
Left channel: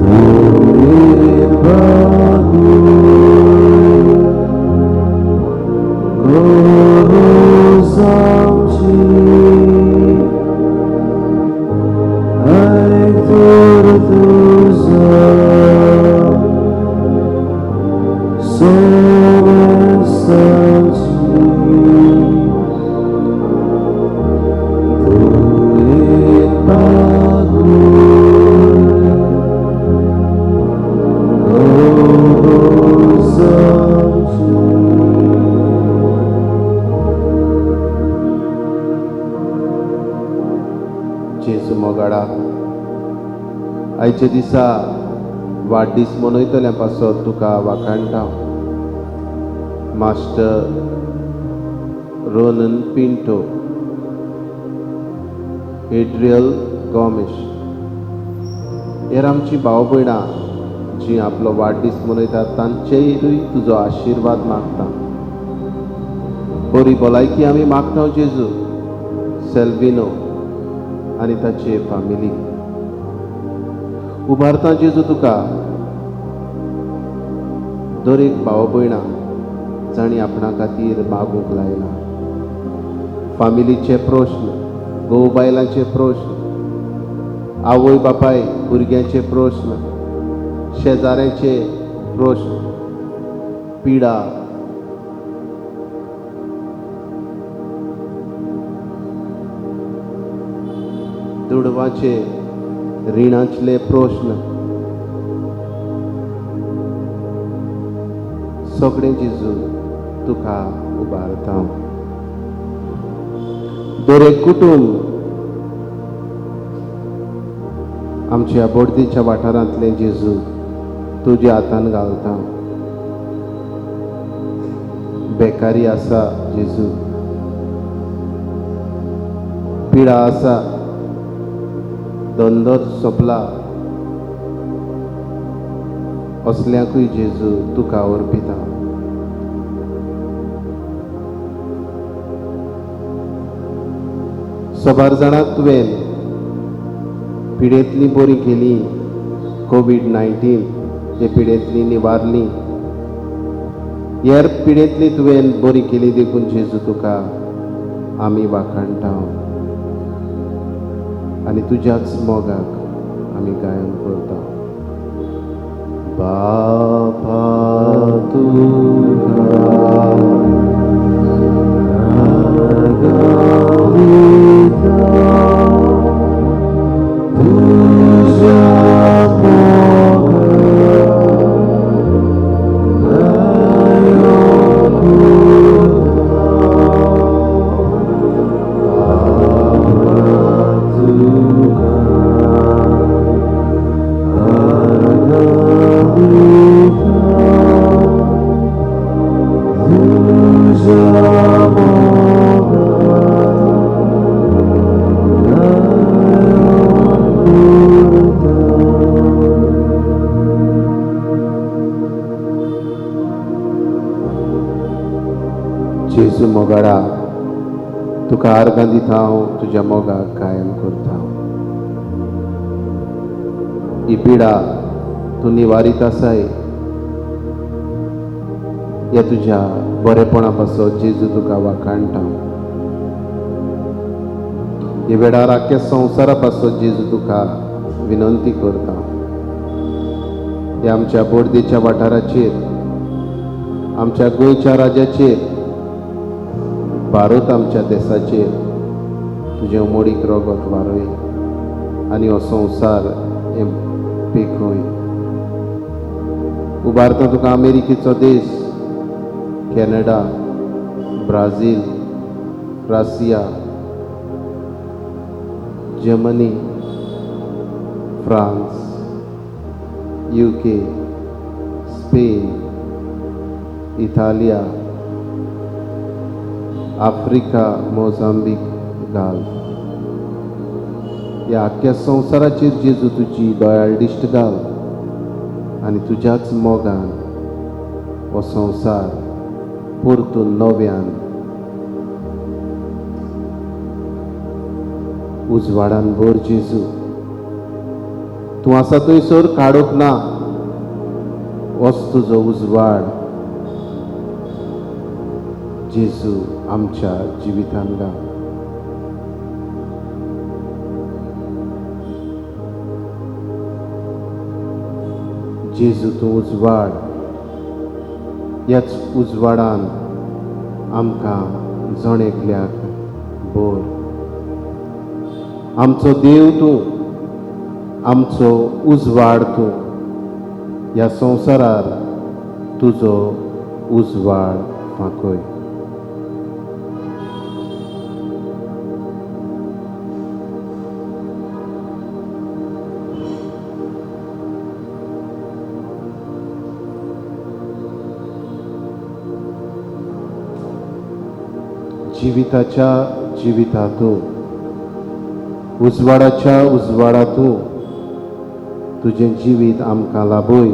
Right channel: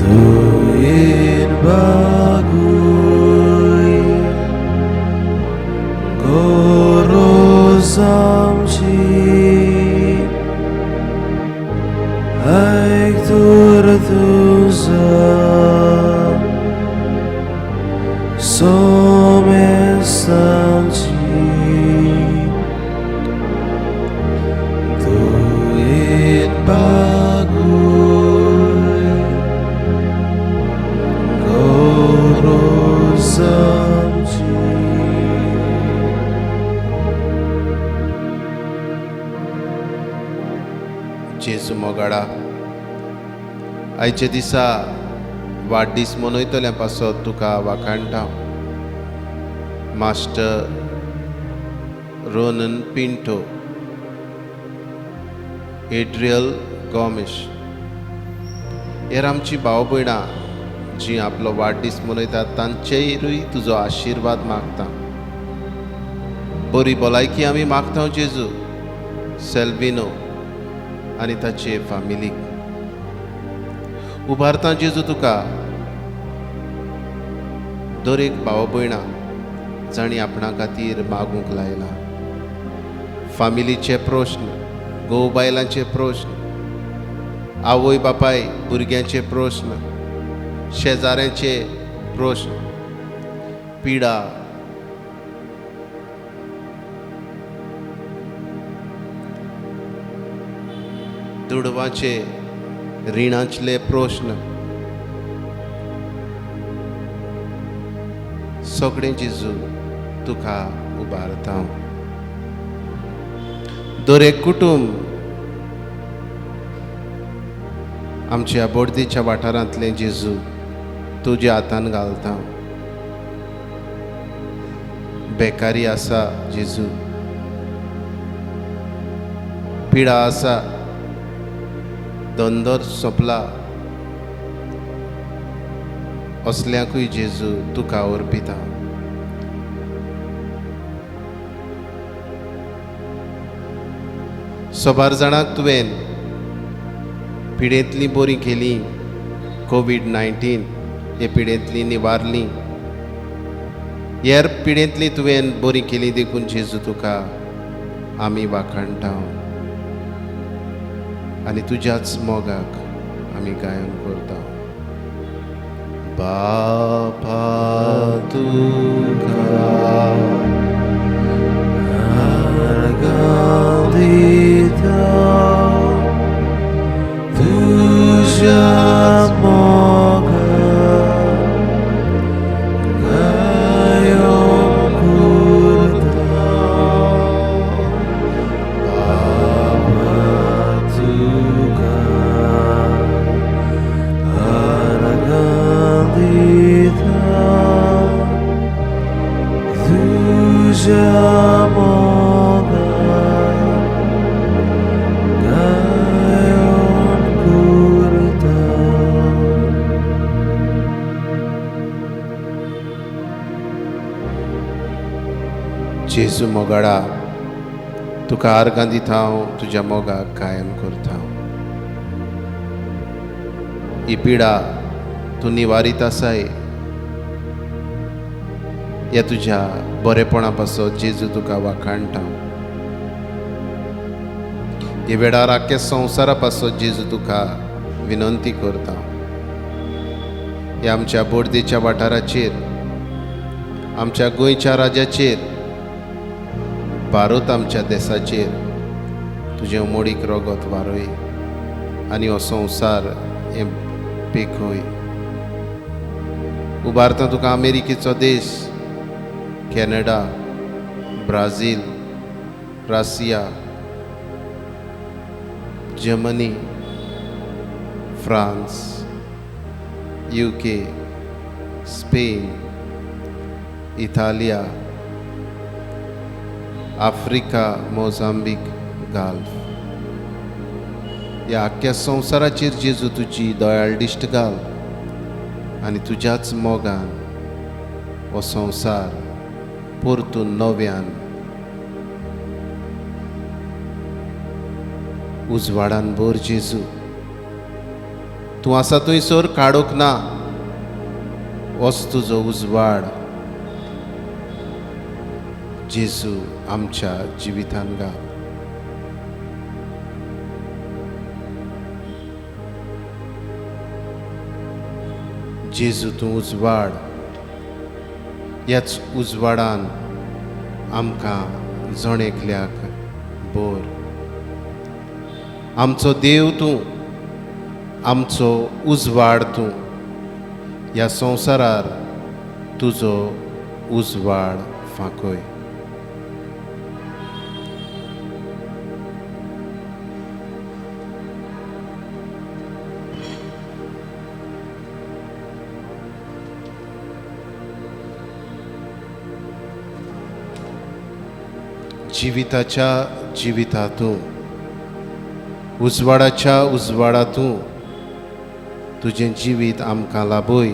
दयेन बागुय गरज आमची आयक तर तुझा सोमेस्तांची दयेन बागुय गरज आमची जेजू मोगाडा आयच्या दिसा वाडदीस मनयतल्या पासत तुका वाखाणटाव मास्टर रोनन पिंटो एड्रियल गॉमिश हेर आमची भाव भयणां जीं आपलो वाडदीस मनयतात तांचेरूय तुजो आशिर्वाद मागता बरी भलायकी आमी मागता जेजू सेल्विनो आनी ताचे फामिलीक उबारता जेजू तुका दर एक भाव भयणां जाणी आपणा खातीर मागूंक लायला फामिलीचे प्रश्न घोव बायलांचे प्रश्न आवय बापाय भुरग्यांचे प्रश्न शेजाऱ्यांचे प्रश्न पिडा, दुडवाचे रिणांतले प्रश्न सगळे जेजू तुका उबारता. दर एक कुटुंब आमच्या बोडदेच्या वाठारांतले जेजू तुज्या हातान घालता. बेकारी आसा जेजू, पिडा आसा, धंदो सोंपला, असल्यांकूय जेजू तुका अर्पिता. सोबार जाणांक तुवें पिडेंतली बरी केली, कोविड-19 हे पिडेंतली निवारली, हेर पिडेंतली तुवें बरी केली देखून जेजू तुका आमी वाखाणटा आनी तुज्याच मोगाक आमी गायन करता. बापा तुका आर्गां दिता, तुज्याच मोगाक गायन करता. बापा तुका आर्गां दिता, तुज्या जेजू मोगाडा तुका आर्गां दिता, हांव तुज्या मोगाक गायन करता. ही पिडा तूं निवारीत आसाय, ह्या तुज्या बरेपणा पासत जेजू तुका वाखाणटा. हे वेळार आख्या संवसारा पासत जेजू तुका विनंती करता. ह्या आमच्या बोडदेच्या वाठाराचेर, आमच्या गोंयच्या राज्याचेर, भारत आमच्या देशाचेर तुजें उमोडीक रगत वारय आनी हो संवसार हे पेखय. उबारता तुका अमेरिकेचो देश, Canada, Brazil, Russia, Germany, France, UK, Spain, इटालिया, आफ्रिका, मोजांबीक, गाल्फ. ह्या आख्या संवसाराचेर जेजू तुजी दयाळ दिश्ट घाल आनी तुज्याच मोगान हो संवसार परतून नव्यान उजवाडान भर. जेजू तूं आसा थंयसर काडूंक ना, होच तुजो उजवाड जेजू आमच्या जिवितान घाल. जेजू तूं उजवाड, ह्याच उजवाडान आमकां जण एकल्याक भर. आमचो देव तूं, आमचो उजवाड तूं, ह्या संवसारार तुजो उजवाड फांकय. जिविताच्या जिवितांतूं, उजवाडाच्या उजवाडांतूं तुजें जिवीत आमकां लाभय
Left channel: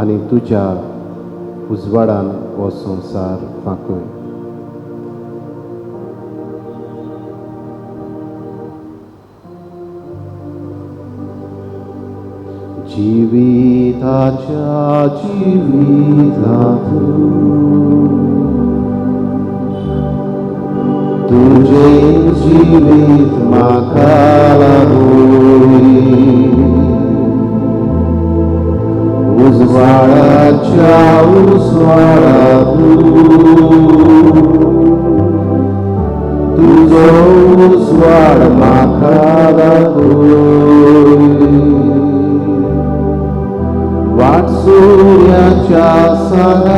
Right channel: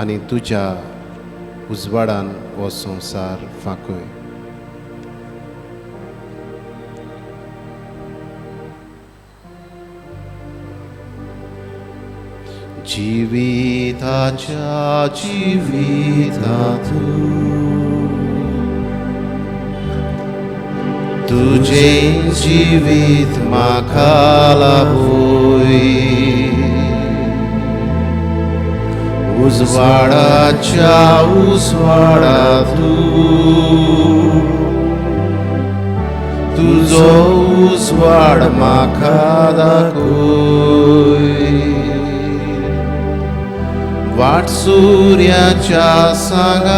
आनी तुज्या उजवाडान हो संवसार फांकय. जिविताच्या जिवितांतूं तुझे जीवित म्हाका लाभय. उजवाडाच्या उजवाडातून तुझो उजवाड म्हाका दाखय. वाट सूर्याच्या सांगात्यातून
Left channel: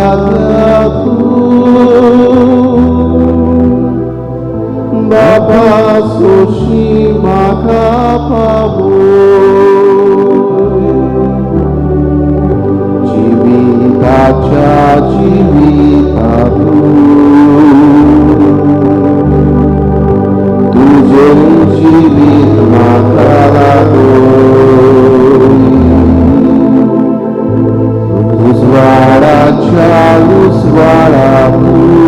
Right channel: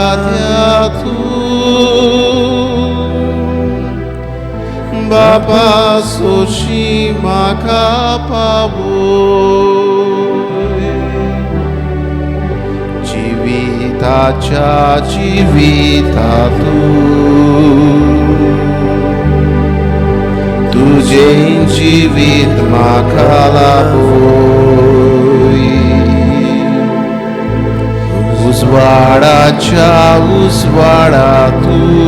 बाबा सोशी म्हाका पावय. जिविताच्या जिवितातून तुझें जिवीत म्हाका लाभोय. उजवाडाच्या उजवाडातून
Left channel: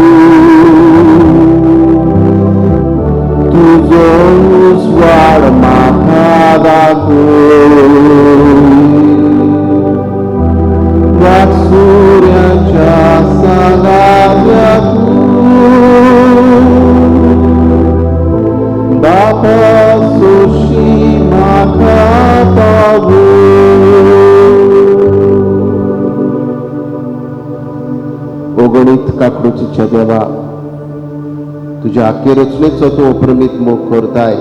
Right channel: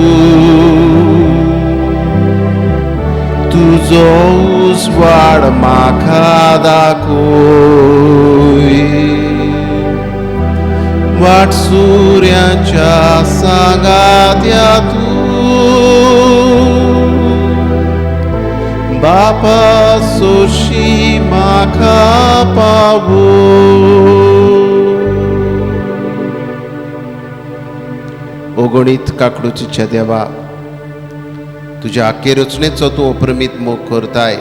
तुझो उजवाड म्हाका दाखय. वाट सूर्याच्या सांगात्यातून बापा सोशी म्हाका पावय. ओगणीत काकडूच्या देवा, तुझ्या आखे रचनेचो तूं अप्रमीत मोग करताय.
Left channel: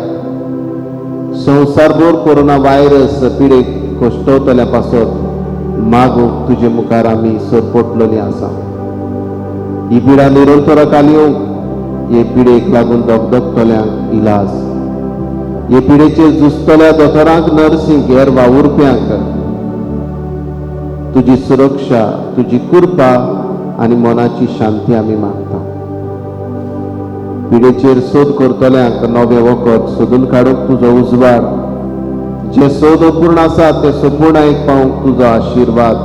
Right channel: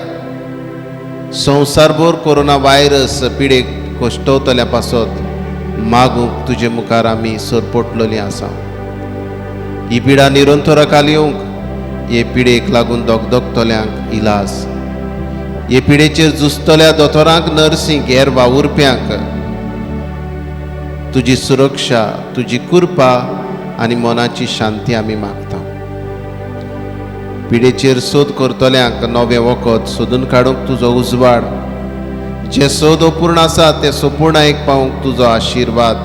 संवसारभर कोरोना व्हायरस पिडेक कश्टवतल्या पासत मागूंक तुजे मुखार आमी सरपटलेलीं आसा. ही पिडा निरंतराकाल येवंक, हे पिडेक लागून दोगदोगतल्यांक इलाज, हे पिडेचेर झुजतल्या दोतोरांक, नर्सींक, हेर वावुरप्यांक तुजी सुरक्षा, तुजी कृपा आनी मोनाची शांती आमी मागता. पिडेचेर सोद करतल्यांक नवें वखद सोदून काडूंक तुजो उजवाड, जे सोद अपूर्ण आसा ते संपूर्णायेक पावूंक तुजो आशिर्वाद.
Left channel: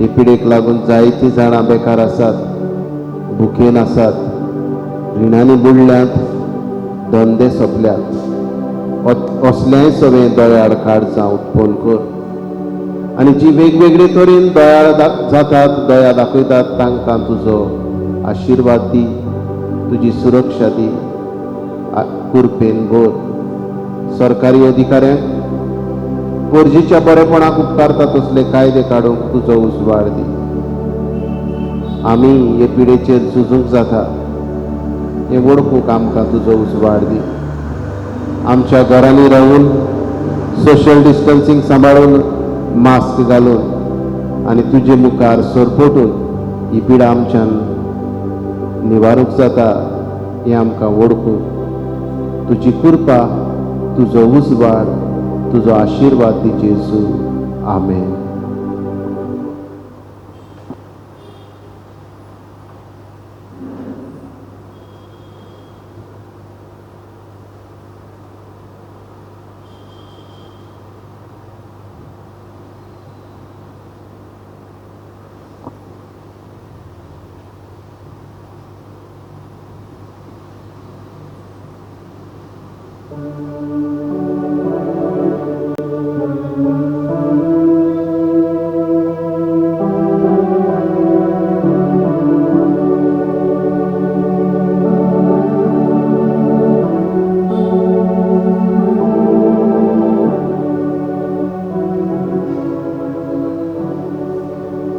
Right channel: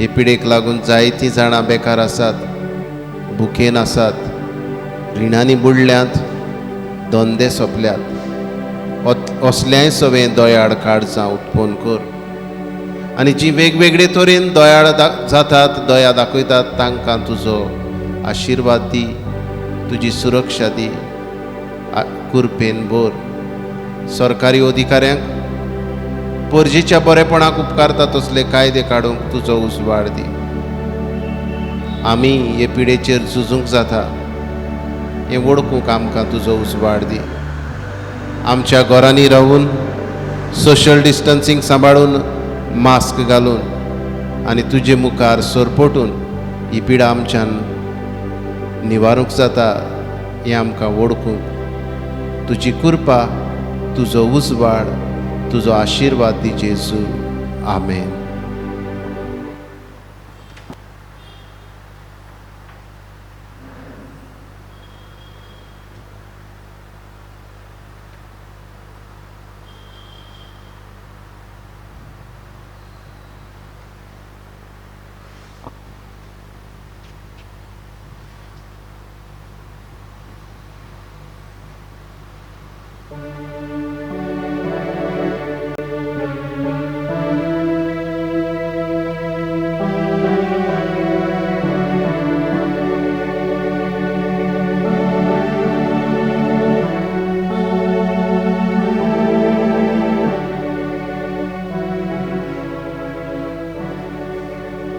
हे पिडेक लागून जायतीं जाणां बेकार आसात, भुकेन आसात, रिणांनी बुडल्यांत, धंदे सोंपल्यात. असल्याय सवें दयाळ काळजां उत्पन्न कर. आनी जीं वेगवेगळे तरेन दयाळ जातात, दया दाखयतात, तांकां तुजो आशिर्वाद दी, तुजी सुरक्षा दी, कृपेन भर. सरकारी अधिकाऱ्यांक परजेच्या बरेपणाक उपकारता तसले कायदे काडूंक तुजो उजवाड दी. आमी हे पिडेचेर झुजूंक जाता हें वळखूंक आमकां तुजो उजवाड दी. आमच्या घरांनी रावून सोशल डिस्टन्सींग सांबाळून, मास्क घालून आनी तुजे मुखार सरपटून ही पिडा आमच्यान निवारूंक जाता हें आमकां वळखूंक तुजी कृपा, तुजो उजवाड, तुजो आशिर्वाद दी जेजू. आमेन.